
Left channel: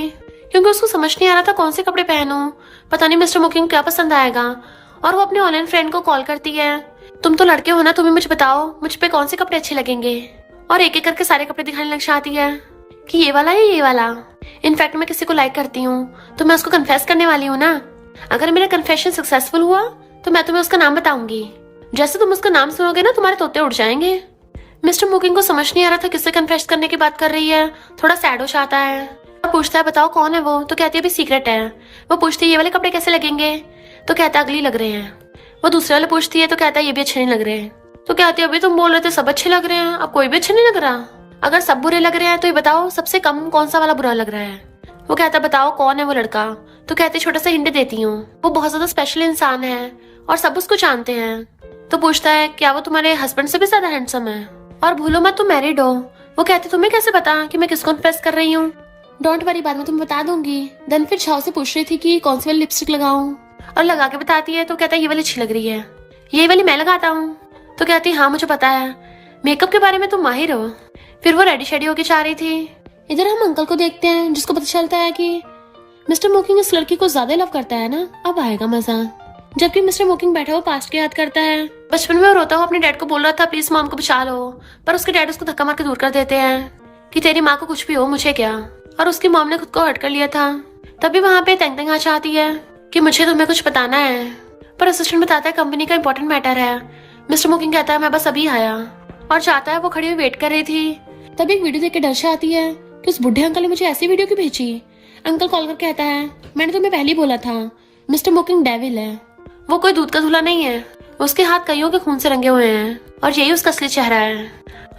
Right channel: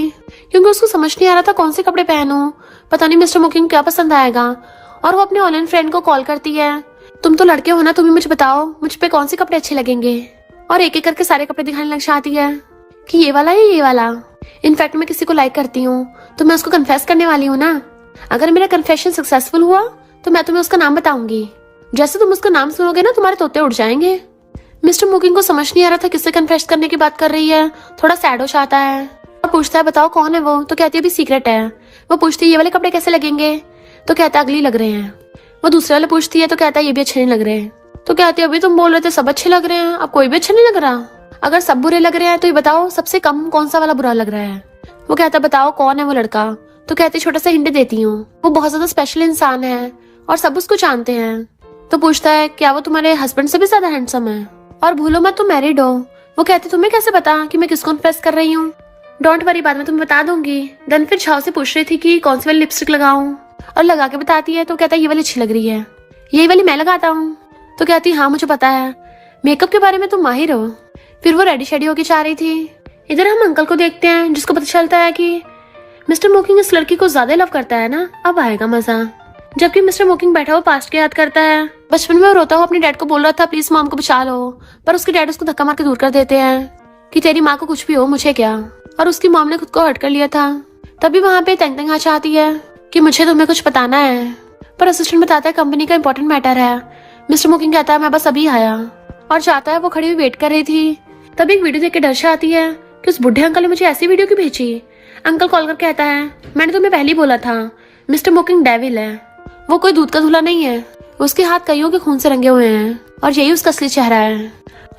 क्योंकि उसको समझ नहीं आ रहा था कौन से कपड़े पहनूं, पता नहीं मिस्टर मोकिंग क्या पसंद आएगा। और वो अपने ऑनलाइन फ्रेंड को कॉल करती है, तुम तो लड़के हो ना, तुम्हें मुझे बताओ मुझ पे कौन से कपड़े अच्छे लगेंगे, और एक एक करके सारे कपड़े दिखाने लग जाती है कि ये वाला या ये वाला। इनफैक्ट मैं किसी को लाइक करती हूँ तो मैं उसको कन्फेस करने वाली हूँ ना, अगर मेरा कन्फेशन सक्सेसफुल हुआ तो मैं तुम्हें उसका नाम बताऊंगी, जैसे तुम उसका नाम सुनोगे ना तुम्हारे तोते उड़ जाएंगे। मिस्टर मोकिंग को समझ नहीं आ रहा था किससे कन्फेस करने की बात कर रही है, थोड़ा सैड हो जाता है और पूछता है बताओ कौन है वो, तो कहती है अभी सीक्रेट है। वो पूछती है ये वाले कपड़े कैसे लगेंगे, तो कहता है अगली लग रहे हैं। वो दूसरे वाले पूछती है तो कहता है ये भी अच्छे नहीं लग रहे हैं। तो कहती है अभी तुम बोल रहे थे सब अच्छे लग रहे हैं, अब कोई भी अच्छा नहीं लग रहा। अगर सब बुरे लग रहे हैं तो ये बताओ सबसे कम कौन सा वाला बुरा लग रहा है। वो कहता बताओ कौन है वो लड़का, तो कहती छोटा सा हिंट देती हूँ, वो बहुत ज्यादा स्पेशल इंसान है और सब उसको जानते हैं। तो पूछता है क्या वो तुम्हारे हस्बैंड से भी ज्यादा हैंडसम है, और भूलो मत तुम मैरिड हो। वो कहती तुम्हें कैसे पता कि मैं किसको इम्प्रेस कर रही हूँ। डोंट वरी बाद में तुम्हें बता दूंगी। देन फिर झाओ से पूछ रही थी कि कौन सी वाली लिपस्टिक लगाऊं और लगा के बताती है तो कहता है ये वाली अच्छी लग रही है, ये वाली मैं लगाता हूँ। तो कहती हाँ मुझे पता है, मेकअप के बारे में तुम माहिर हो। फिर वो रेडी शेडी होके जा रही थी। इधर हम अंकल को देखते हैं जिसको पता चलता है कि मिस्टर मोकिंग इस लड़की को ज्यादा लव करता है ना, अब आएगा मजा। जबकि मिस्टर मोकिंग बैठा हुआ पास्ट को याद करता है। बचपन में वो रोता हुआ अपने डैड को बोल रहा था प्लीज मॉम को बचा लो, पर उसके डैड उसको धक्का मार के दूर कर देते हैं कि तेरी माँ को कुछ भी हो मुझे क्या, और उसकी मॉम ने खुद को हर्ट कर लिया था। तभी वहाँ पे तेंग तेंग आ जाती है कि मुझे तुम्हें कुछ बताना है, पर असिस्टेंट बताता है कंपनी का इंपॉर्टेंट मैटर है। मिस्टर मोकिंग कहता है मैं बस अभी आया, और जाता है। वो खड़ी हुई वेट कर रही थी तभी एक वीडियो देख के डर जाती है कि उस बुढ़े अंकल ने मुझे ऐसी वीडियो क्यों भेजी। अंकल कॉल कर कहता है मैंने तुम्हें पहले ही बोला था मिस्टर मोकिंग डेविल है, वो कोई दूध का धुला नहीं है, उसके हाथ कईयों के खून से रंगे हुए हैं और यही उसका असली चेहरा है।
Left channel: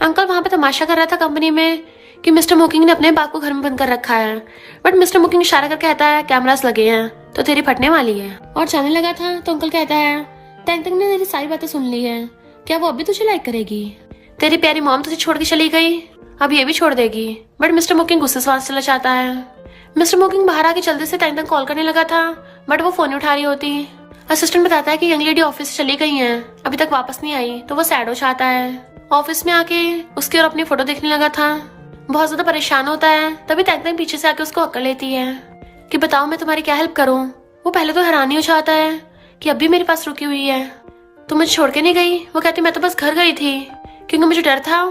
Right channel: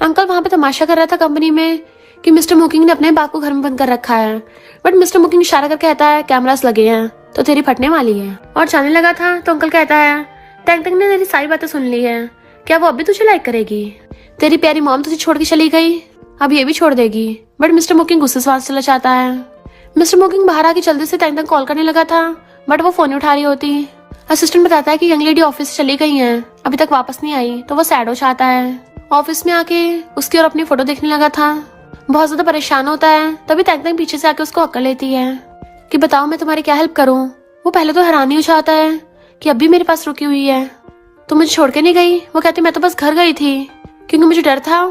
अंकल वहाँ पे तमाशा कर रहा था कंपनी में कि मिस्टर मोकिंग ने अपने बाप को घर में बंद कर रखा है, बट मिस्टर मोकिंग इशारा कर कहता है कैमरास लगे हैं तो तेरी फटने वाली है, और जाने लगा था तो अंकल कहता है तेंग तेंग ने तेरी सारी बातें सुन ली है, क्या वो अभी तुझे लाइक करेगी, तेरी प्यारी मॉम तुझे छोड़ के चली गई, अब ये भी छोड़ देगी। बट मिस्टर मोकिंग गुस्से से चला जाता है। मिस्टर मोकिंग बाहर आके जल्दी से तेंग तेंग कॉल करने लगा था बट वो फोन उठा रही होती। असिस्टेंट बताता है कि यंग लेडी ऑफिस से चली गई है, अभी तक वापस नहीं आई, तो वो सैड हो जाता है। ऑफिस में आके उसकी और अपनी फोटो देखने लगा था, बहुत ज्यादा परेशान होता है। तभी तेंग तेंग पीछे से आके उसको अक्ल लेती है कि बताओ मैं तुम्हारी क्या हेल्प करूं। वो पहले तो हैरान ही हो जाता है कि अब भी मेरे पास रुकी हुई है, तो मुझे छोड़ के नहीं गई। वो कहती मैं तो बस घर गई थी क्योंकि मुझे डर था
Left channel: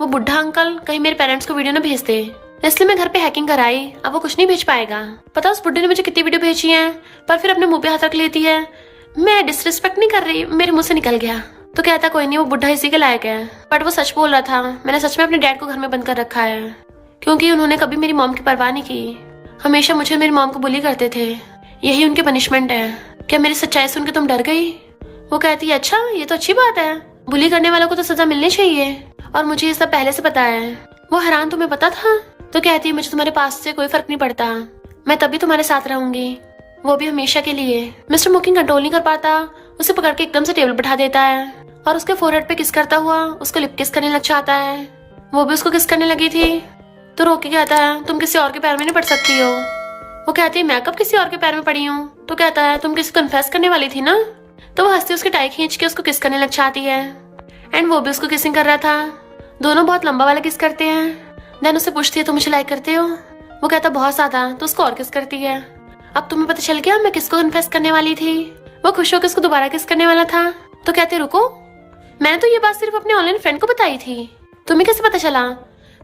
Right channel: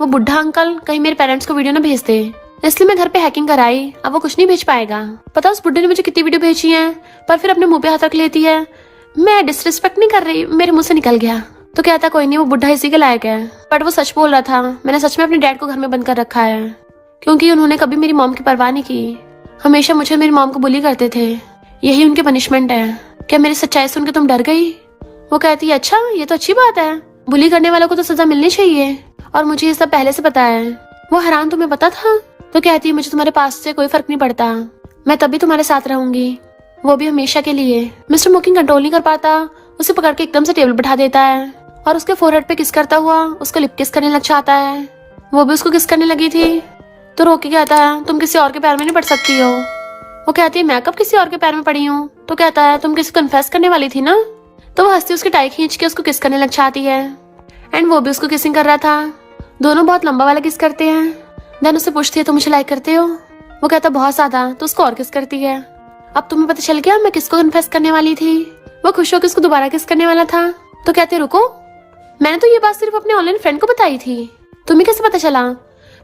वो बुढ़ा अंकल कहीं मेरे पेरेंट्स को वीडियो न भेज दे, इसलिए मैं घर पे हैकिंग कराई। अब वो कुछ नहीं भेज पाएगा। पता उस बुढ़े ने मुझे कितनी वीडियो भेजी है, पर फिर अपने मुंह पे हाथ रख लेती है। मैं डिसरिस्पेक्ट नहीं कर रही, मेरे मुंह से निकल गया। तो कहता कोई नहीं वो बुढ़ा इसी के लायक है, बट वो सच बोल रहा था, मैंने सच में अपने डैड को घर में बंद कर रखा है क्योंकि उन्होंने कभी मेरी मॉम की परवाह नहीं की, हमेशा मुझे मेरी मॉम को बुली करते थे, यही उनकी पनिशमेंट है। क्या मेरी सच्चाई सुन के तुम डर गई। वो कहती है अच्छा ये तो अच्छी बात है, बुली करने वालों को तो सजा मिलनी चाहिए और मुझे ये सब पहले से पता है। वो हैरान तुम्हें पता था। तो कहती है मुझे तुम्हारे पास से कोई फर्क नहीं पड़ता, मैं तभी तुम्हारे साथ रहूंगी, वो भी हमेशा के लिए। मिस्टर मोकिंग कंट्रोल नहीं कर पाता, उसे पकड़ के एकदम से टेबल बैठा देता है और उसके फोरहेड पे किस करता हुआ उसको लिप किस करने लग जाता है। वो भी उसको किस करने लगी थी तो रोक के कहता है तुम किसी और के पैर में नहीं पड़ सकती हो। वो कहती है मैं कब किसी और के पैर में पड़ी हूँ। तो कहता है तुम किसी कन्फेस करने वाली थी ना। तो वो हंसती उसकी टाई खींच के उसको किस करने लग जाती है एंड वो भी उसको किसिंग कर रहा था। दोनों बहुत लंबा वाला किस करते हैं। देन उससे पूछती है तुम मुझे लाइक करते हो। वो कहता बहुत ज्यादा। तो उसको और किस करती है। अब तुम्हें पता चल गया मैं किसको कन्फेस करने वाली थी। वो खुश होकर उसको दोबारा किस करने वाला था। तो कहते रुको, मैंने तो ये बात सिर्फ अपने ऑनलाइन फ्रेंड को बताई थी, तुम्हें कैसे पता चला।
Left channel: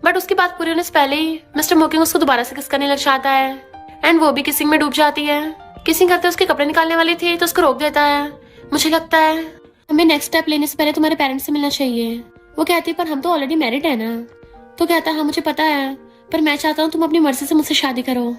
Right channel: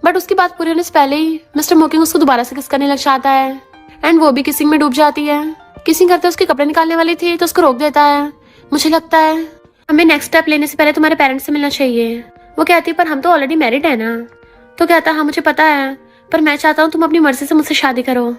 बट उसकी बात पूरी होने से पहले ही मिस्टर मोकिंग उसको दोबारा से किस करने लग जाता है। एंड वो भी किसिंग में डूब जाती है। किसिंग करते उसके कपड़े निकालने वाली थी तो उसको रोक देता है। मुझे लगता है हमें नेक्स्ट स्टेप लेने से पहले तुम्हारे पेरेंट्स से मिलना चाहिए। वो कहती है पर हम तो ऑलरेडी मैरिड है ना। तो कहता हाँ मुझे पता है, पर मैं चाहता हूँ तुम अपनी मर्जी से मुझसे शादी करो।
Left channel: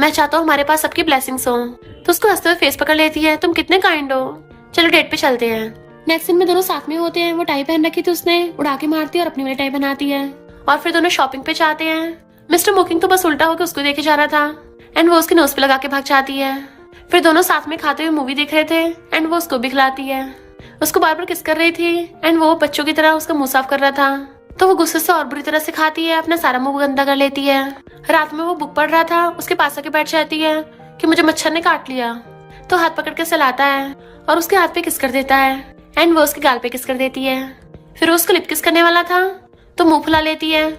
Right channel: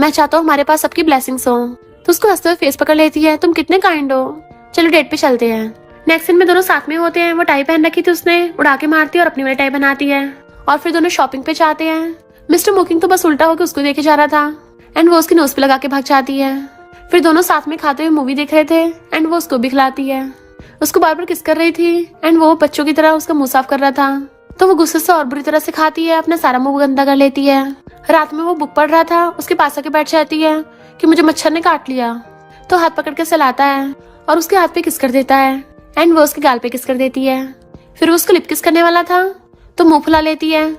मैं चाहता हूँ हमारे पास सबकी ब्लेसिंग्स हो। तो उसको हंसते हुए फेस पकड़ लेती है, तुम कितने काइंड हो, चलो डेट पे चलते हैं। नेक्स्ट सीन में दोनों साथ में होते हैं। वो टाई पहन रखी थी उसने, उड़ा के मारती है और अपनी वाली टाई बनाती है और फिर दोनों शॉपिंग पे जाते हैं। मिस्टर मोकिंग तो बस उल्टा होकर उसको देखे जा रहा था एंड वो उसकी नोज पे लगा के भाग जाती है। फिर दोनों साथ में खाते हुए मूवी देख रहे थे एंड वो उसको भी खिलाती है। उसको बार बार किस कर रही थी एंड वो बच्चों की तरह उसका मुंह साफ कर रहा था। तो वो गुस्से से और बुरी तरह से खाती है, अपना सारा मुंह गंदा कर लेती है। रात में वो बुक पढ़ रहा था, उसके पास आके बैठ जाती है कि मुझे मच्छर ने काट लिया। तो हाथ पकड़ के सहलाता है और उसके हाथ पे किस कर देता है एंड वो उसके गाल पे किस कर देती है। फिर वो उसको लिप किस करने वाला था तो मुंह फुला लेती है।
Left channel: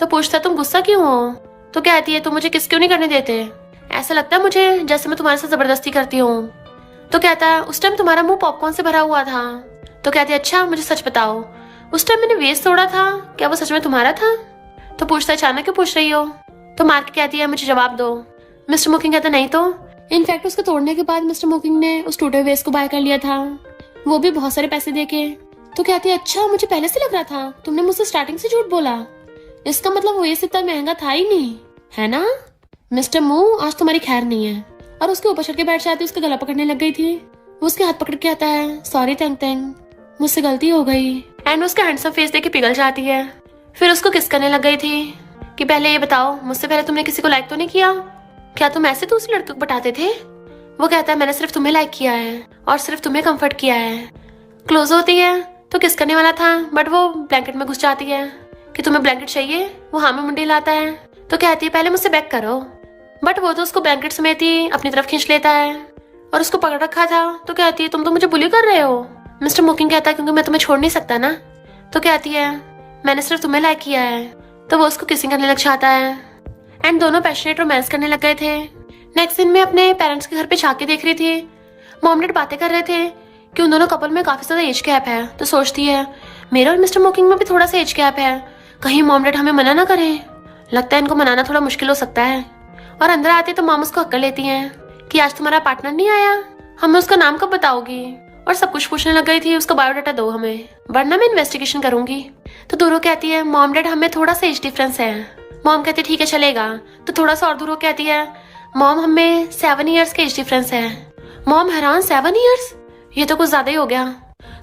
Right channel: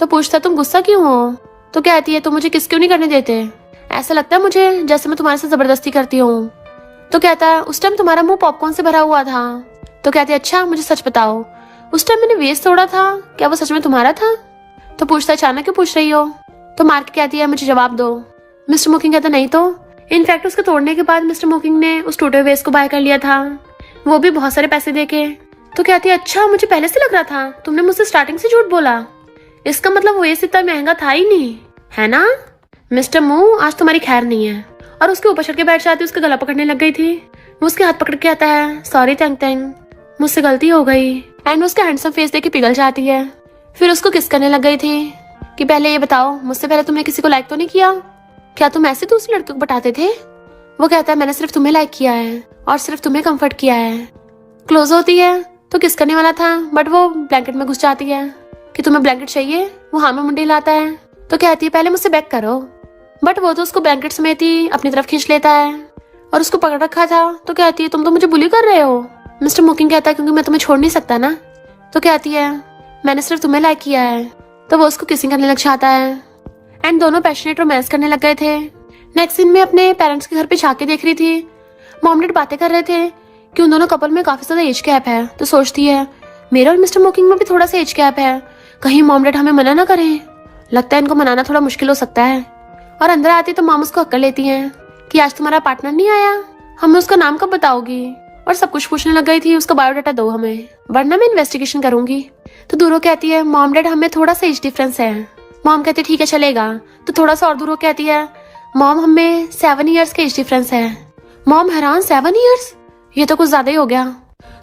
तो पूछता तुम गुस्सा क्यों हो? तो कहती है तुम मुझे किस क्यों नहीं करने देते? ऐसा लगता है मुझे जैसे मैं तुम्हारे साथ जबरदस्ती करती हूँ। तो कहता है उस टाइम तुम्हारा मुंह पॉपकॉर्न से भरा हुआ था। तो कहती है अच्छा मुझे सच बताओ, उस टाइम मैंने वेस्ट तोड़ा था, क्या वो सच में तुम्हारा था? तो पूछता अचानक क्यों पूछ रही हो? तो मार के कहती है मुझे जवाब दो। मिस्टर मोकिंग कहता नहीं तो। इनफैक्ट उसके तोड़ने के बाद मिस्टर मोकिंग ने उस टूटे हुए वेस्ट को बाय कर लिया था, वो भी बहुत सारे पैसे देके। तो कहती है अच्छा मुझे पहले से लग रहा था, तुमने मुझसे स्टार्टिंग से झूठ बोला। इसका मतलब वो वेस्ट इतना महंगा था ही नहीं, है ना? मिस्टर मू आज तुम्हारी खैर नहीं है। और उसके ऊपर चढ़ के बैठ जाती, उसका गला पकड़ने लग गई थी। वो उसके हाथ पकड़ के आता है सॉरी तैंग तैंग, मुझसे गलती हो गई। एंड उसका हैंडसम फेस देख के पिघल जाती है। फिर उसको किस करने लग गई थी कि पहले ये बताओ मुझसे पहले तुमने किसी को लाइक तो नहीं किया? क्या तुम ऐसे दूसरे लड़के को बताते थे? वो कहता है मैंने सिर्फ तुम्हें लाइक किया है और सिर्फ तुम्हें कंफर्ट किया है। क्लोज होती है तो किस करने वाला था बट वो ब्लैंकेट में घुस जाती है कि तुम्हें ब्लैंकेट चाहिए। वो हाँ में मुंडी लाता है। तो कहती है पहले मुझसे बैक करो, बट वो तो उसको ब्लैंकेट समेत ही अपनी तरफ खींच लेता है और उसको पकड़ रखा था। तो कहती है तुम तो मुझे बुली कर रहे हो। मिस्टर मोकिंग कहता है क्योंकि मैं तुम्हें छोड़ नहीं सकता ना। तो कहती है मैंने सिर्फ तुम्हें लाइक किया है। तो वो उसको किसिंग करने लग जाता है एंड दोनों पैशनेट रोमांस करने लग गए थे। नेक्स्ट सीन में अपने पेरेंट्स के घर पे झांके देख रही थी। मॉम डैड बातें कर रहे थे कि उन दोनों कपल में काफी ज्यादा एज गैप है। तो सोचती है मेरा और मिस्टर मोकिंग में भी थोड़ा सा एज गैप है, कहीं मॉम डैड हमें मना ना करें। लगता है इनको मनाना थोड़ा मुश्किल हो सकता है। और अंदर आते तो मॉम उसको अक्ल लेती है कि आज तुम्हारा पार्टनर नहीं आया, हमें उसका नाम कब बताओगी? और सब कुछ पूछने लग गई थी, उसका बायोडाटा दो हमें वरना मैं इन्वेस्टिगेशन करूंगी। तो दूरों कहती है मॉम डैड हमें थोड़ा सा एज डिफरेंस है। मॉम कहती है ठीक है चलेगा। तो थोड़ा सा और दूरों कहती है मॉम हमें 7 ईयर्स का एज डिफरेंस है। मॉम हैरान 7 ईयर्स, ये तो कुछ ज्यादा ही हो गया।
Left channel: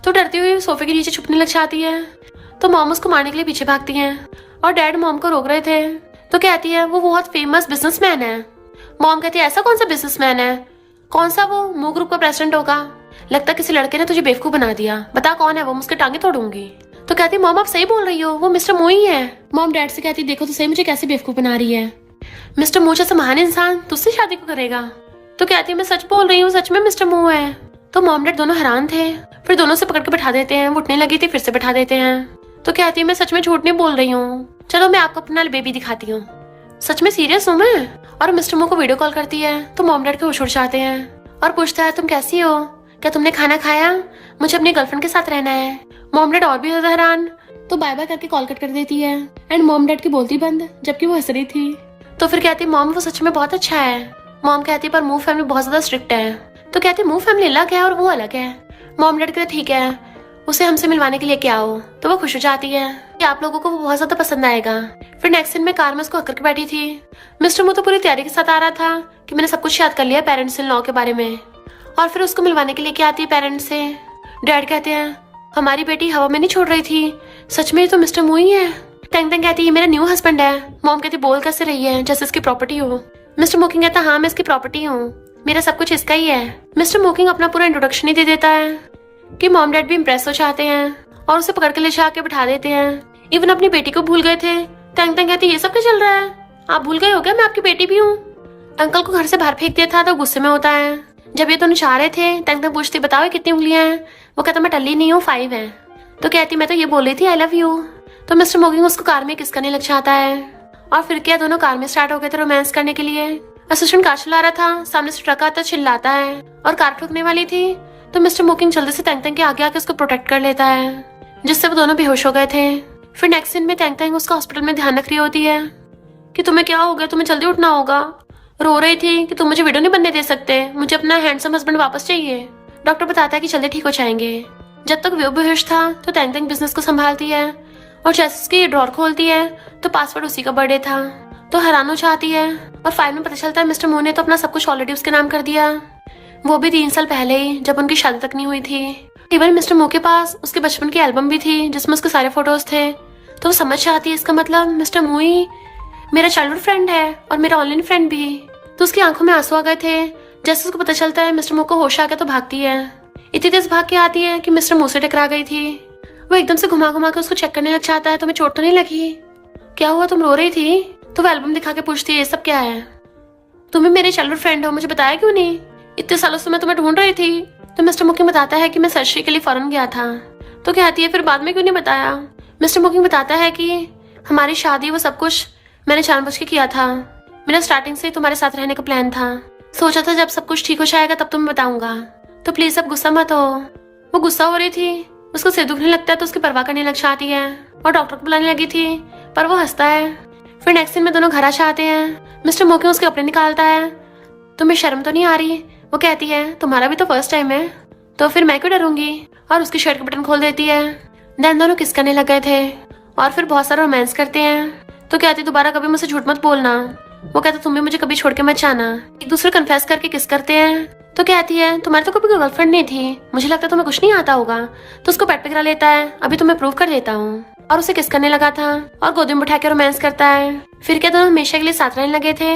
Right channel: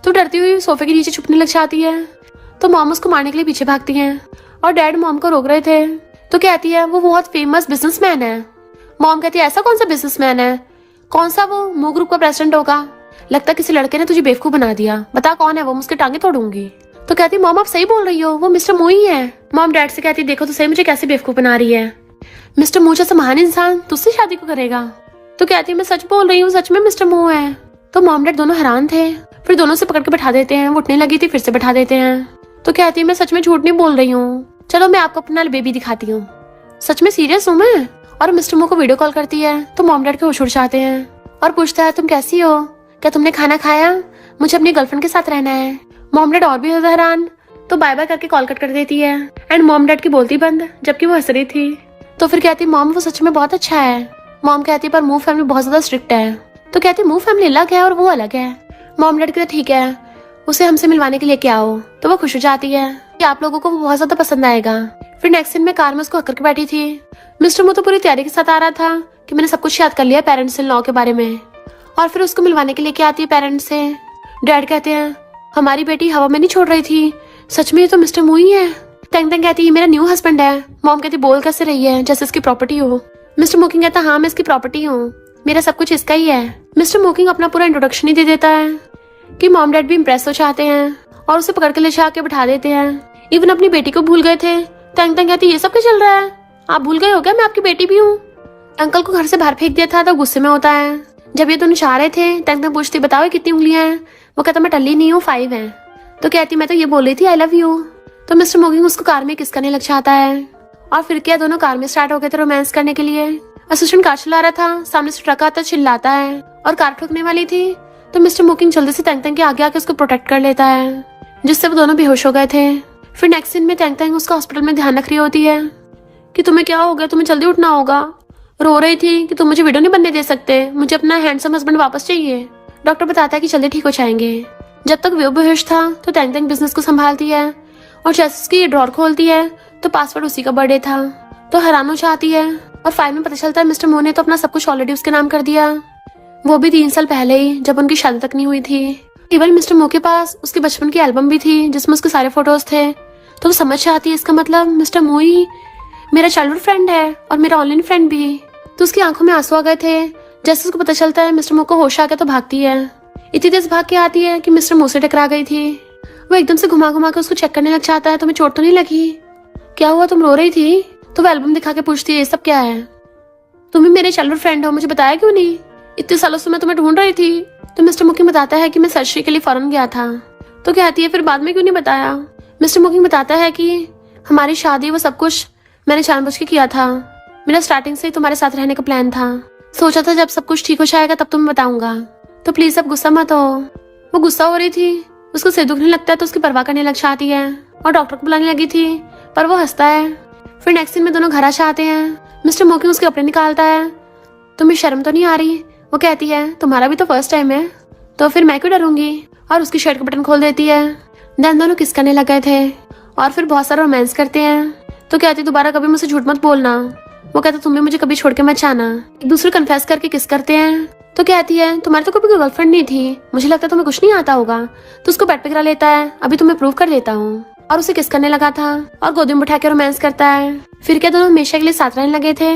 तो डरती हुई सोफे के नीचे छुपने लग जाती है। तो मॉम उसको मारने के लिए पीछे भागती हैं और डैड मॉम को रोक रहे थे। तो कहती है वो बहुत फेमस बिजनेसमैन है। मॉम कहती है ऐसा कौन सा बिजनेसमैन है? कौन सा? वो मू ग्रुप का प्रेसिडेंट होगा। लगता किसी लड़के ने तुझे बेवकूफ बना दिया, बता कौन है वो, मुझके टांगे तोड़ूंगी। तो कहती मॉम आप सही बोल रही हो, वो मिस्टर मू ही है। मॉम डैड से कहती देखो तो सही मुझे कैसे बेवकूफ बना रही है, मिस्टर मू जैसा महान इंसान तुझसे शादी को करेगा। तो कहती मैं सच बोल रही हूँ, सच में मिस्टर मू है। तो मॉम डैड दोनों हैरान थे। फिर दोनों से पकड़ के बैठा देते हैं। वो उठने लगी थी फिर से बैठा देते हैं। तो कहती मैं सच में झूठ नहीं बोल रही हूँ, चलो मैं आपको अपना बेबी दिखाती हूँ, सच में सीरियस हूँ मैं। और मिस्टर मू को वीडियो कॉल करती है। तो मॉम डैड के होश उड़ जाते हैं और पूछता है तुम कैसी हो, क्या तुमने खाना खाया, मुझे अपनी गर्लफ्रेंड के साथ रहना है। मॉम डैड और भी ज्यादा हैरान। तो बाय बाय करके कॉल कट कर देती है एंड मॉम डैड की बोलती बंद, जबकि वो हंस रही थी। तो फिर कहती मॉम वो सच में बहुत अच्छा है। मॉम कहती पर मू फैमिली बहुत ज्यादा स्ट्रिक्ट है। तो कहती मू फैमिली अलग है और वो अलग है। मॉम डैड कहते ठीक है उसे हमसे मिलवाने के लिए क्या हो। तो वो खुश हो जाती है कि आप लोगों को वो बहुत ज्यादा पसंद आएगा। फिर नेक्स्ट दिन में कार में उसको हक करके बैठी थी। मिस्टर मू तो पूरी तैयारी के साथ आ रहा था कि मैंने सब कुछ याद कर लिया पेरेंट्स इन लॉ के बारे में। और फिर उसको मिलवाने के लिए क्या आती है पेरेंट्स से। डैड कहते हैं हमारी बेटी हवा में नहीं छोड़ रही थी, सच में ये तो मिस्टर मू ही है। तैंग तैंग कहती है मेरा न्यू हस्बैंड है। मॉम कहती बोल कैसे रही है जैसे इसकी प्रॉपर्टी हो। मिस्टर मोकिंग कहता हाँ मैं इसकी प्रॉपर्टी हूँ, मेरा सब कुछ इसका ही है। मिस्टर मोकिंग अपना पूरा इंट्रोडक्शन ही दे देता है कि मॉम डैड भी इम्प्रेस हो जाते हैं और उसे पकड़ के ले जाके बिठा देते हैं। इवन अपनी बेटी को भूल गए थे। तैंग तैंग कहती ये सब क्या चल रहा है, आप भूल गए हो क्या मैं आपकी बेटी भी हूँ। अंकल को घर से बाहर फेंक दिया था तो गुस्से में होता है। जब ये दोनों चाह रहे थे तैंग तैंग पूछती बताओ कितनी उंगलियां हैं। वो कहता मैं टल्ली नहीं हूँ 5 है। तो कहती मैं तो ये बोल रही थी आई लव यू। तो मिस्टर मोकिंग उसको कार में किस करने लग जाता है और फिर क्या दोनों कार में स्टार्ट हो गए थे रोमांस करने के लिए। असिस्टेंट कार चला रहा था, सामने से ट्रक आता चिल्लाता है और कार ठोकने वाली थी। तो मिस्टर मोकिंग जल्दी से तैंग तैंग के आगे आके उसको प्रोटेक्ट कर लेता है जिससे वो दोनों बेहोश हो गए थे। फिर नेक्स्ट सीन में तैंग तैंग उसका हॉस्पिटल में ध्यान रख रही होती है कि तुम्हें क्या हो गया, तुम्हें जल्दी उठना होगा। रो रही थी कि तुम मुझे विडो नहीं बनने दे सकते, मुझे अपना हैंडसम हस्बैंड वापस चाहिए। डॉक्टर बताता है कि जल्दी ठीक हो जाएंगे। जब तक वो बेहोश था तो तैंग तैंग बिजनेस को संभालती है और जैसे उसकी ड्रॉर खोलती है तो पासवर्ड उसी का बर्थडे था। तो हैरान हो जाती है और फाइल में पता चलता है मिस्टर मो ने तो अपना सब कुछ ऑलरेडी उसके नाम कर दिया, वो भी 3 साल पहले ही, जब उनकी शादी तक नहीं हुई थी। इवन मिस्टर मो के पास उसके बचपन की एल्बम भी थी जिसमें उसके सारे फोटोज थे। तो वो समझ जाती है इसका मतलब मिस्टर मो ही मेरा चाइल्डहुड फ्रेंड है और मेरा ऑनलाइन फ्रेंड भी। तो उसकी आंखों में आंसू आ गए थे। जैसे उसको पता चलता है मिस्टर मो को होश आ गया तो भागती है। इतनी तेज भाग के आती है कि मिस्टर मो से टकरा गई थी। वो एकदम से घुमा घुमा के उसको चेक करने लग जाता है, तुम्हें चोट तो नहीं लगी? क्या हुआ, तुम रो रही थी? तो वो एल्बम दिखा के पूछती है ये सब क्या है? तुम भी मेरे चाइल्डहुड फ्रेंड हो, मुझे बताया क्यों नहीं? इतने सालों से मैं तुम्हें ढूंढ रही थी। तो मिस्टर मुकिंग बताता है कि मैं सर्जरी के लिए फॉरेन गया था। तो कहती है फिर बाद में क्यों नहीं बताया? मिस्टर मुकिंग बताता है कि हमारी शादी वो सब कुछ मैंने जानबूझ के किया था। मेरा स्टार्टिंग से ही तुम्हारे साथ रहने का प्लान था। सोचा था जब सब कुछ ठीक हो जाएगा तब तुम्हें बताऊंगा, तो प्लीज अब गुस्सा मत हो। वो गुस्सा हो रही थी, उसको सिर दुखने लगता है तो उसकी परवाह करने लग जाती है और डॉक्टर को बुलाने लगी थी पर वो हंसता है। फिर नेक्स्ट दिन में दोनों घर आ जाते हैं। मिस्टर मोकिंग उसके कपड़े निकालता है, तुम्हें शर्म तो नहीं आ रही? वो कहती है तुम्हारा भी तो फर्स्ट टाइम है, तो फिर मैं क्यों डरूंगी, और उसकी शर्ट के बटन खोल देती है। देन दोनों किस करने लग गए थे और फिर बहुत सारा रोमांस करते हैं। तो कहती दोबारा कभी मुझसे झूठ मत बोलना। वो कहता तुम भी मुझे कभी छोड़ के मत जाना। एक दूसरे कन्फेस करके किस करते हैं। तो कहती है तुम्हारी तो कभी कोई गर्लफ्रेंड नहीं थी, मुझे लगता है तुम्हें कुछ नहीं आता होगा। तो उसको बेड पे गिरा लेता है, अभी तुम्हें प्रूव कर देता हूँ, और उसे किस करने लगा था और गोदी में उठा के रोमांस करता है। फिर क्या दोनों हमेशा के लिए साथ रहने लगे थे।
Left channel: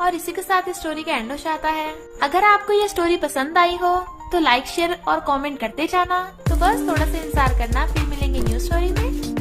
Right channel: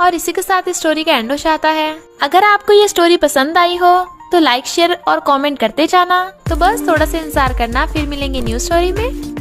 और इसी के साथ इस स्टोरी का एंड हो जाता है। अगर आपको ये स्टोरी पसंद आई हो तो लाइक शेयर और कमेंट करते जाना। तो बस थोड़ा सा इंतजार करना, फिर मिलेंगे न्यू स्टोरी में।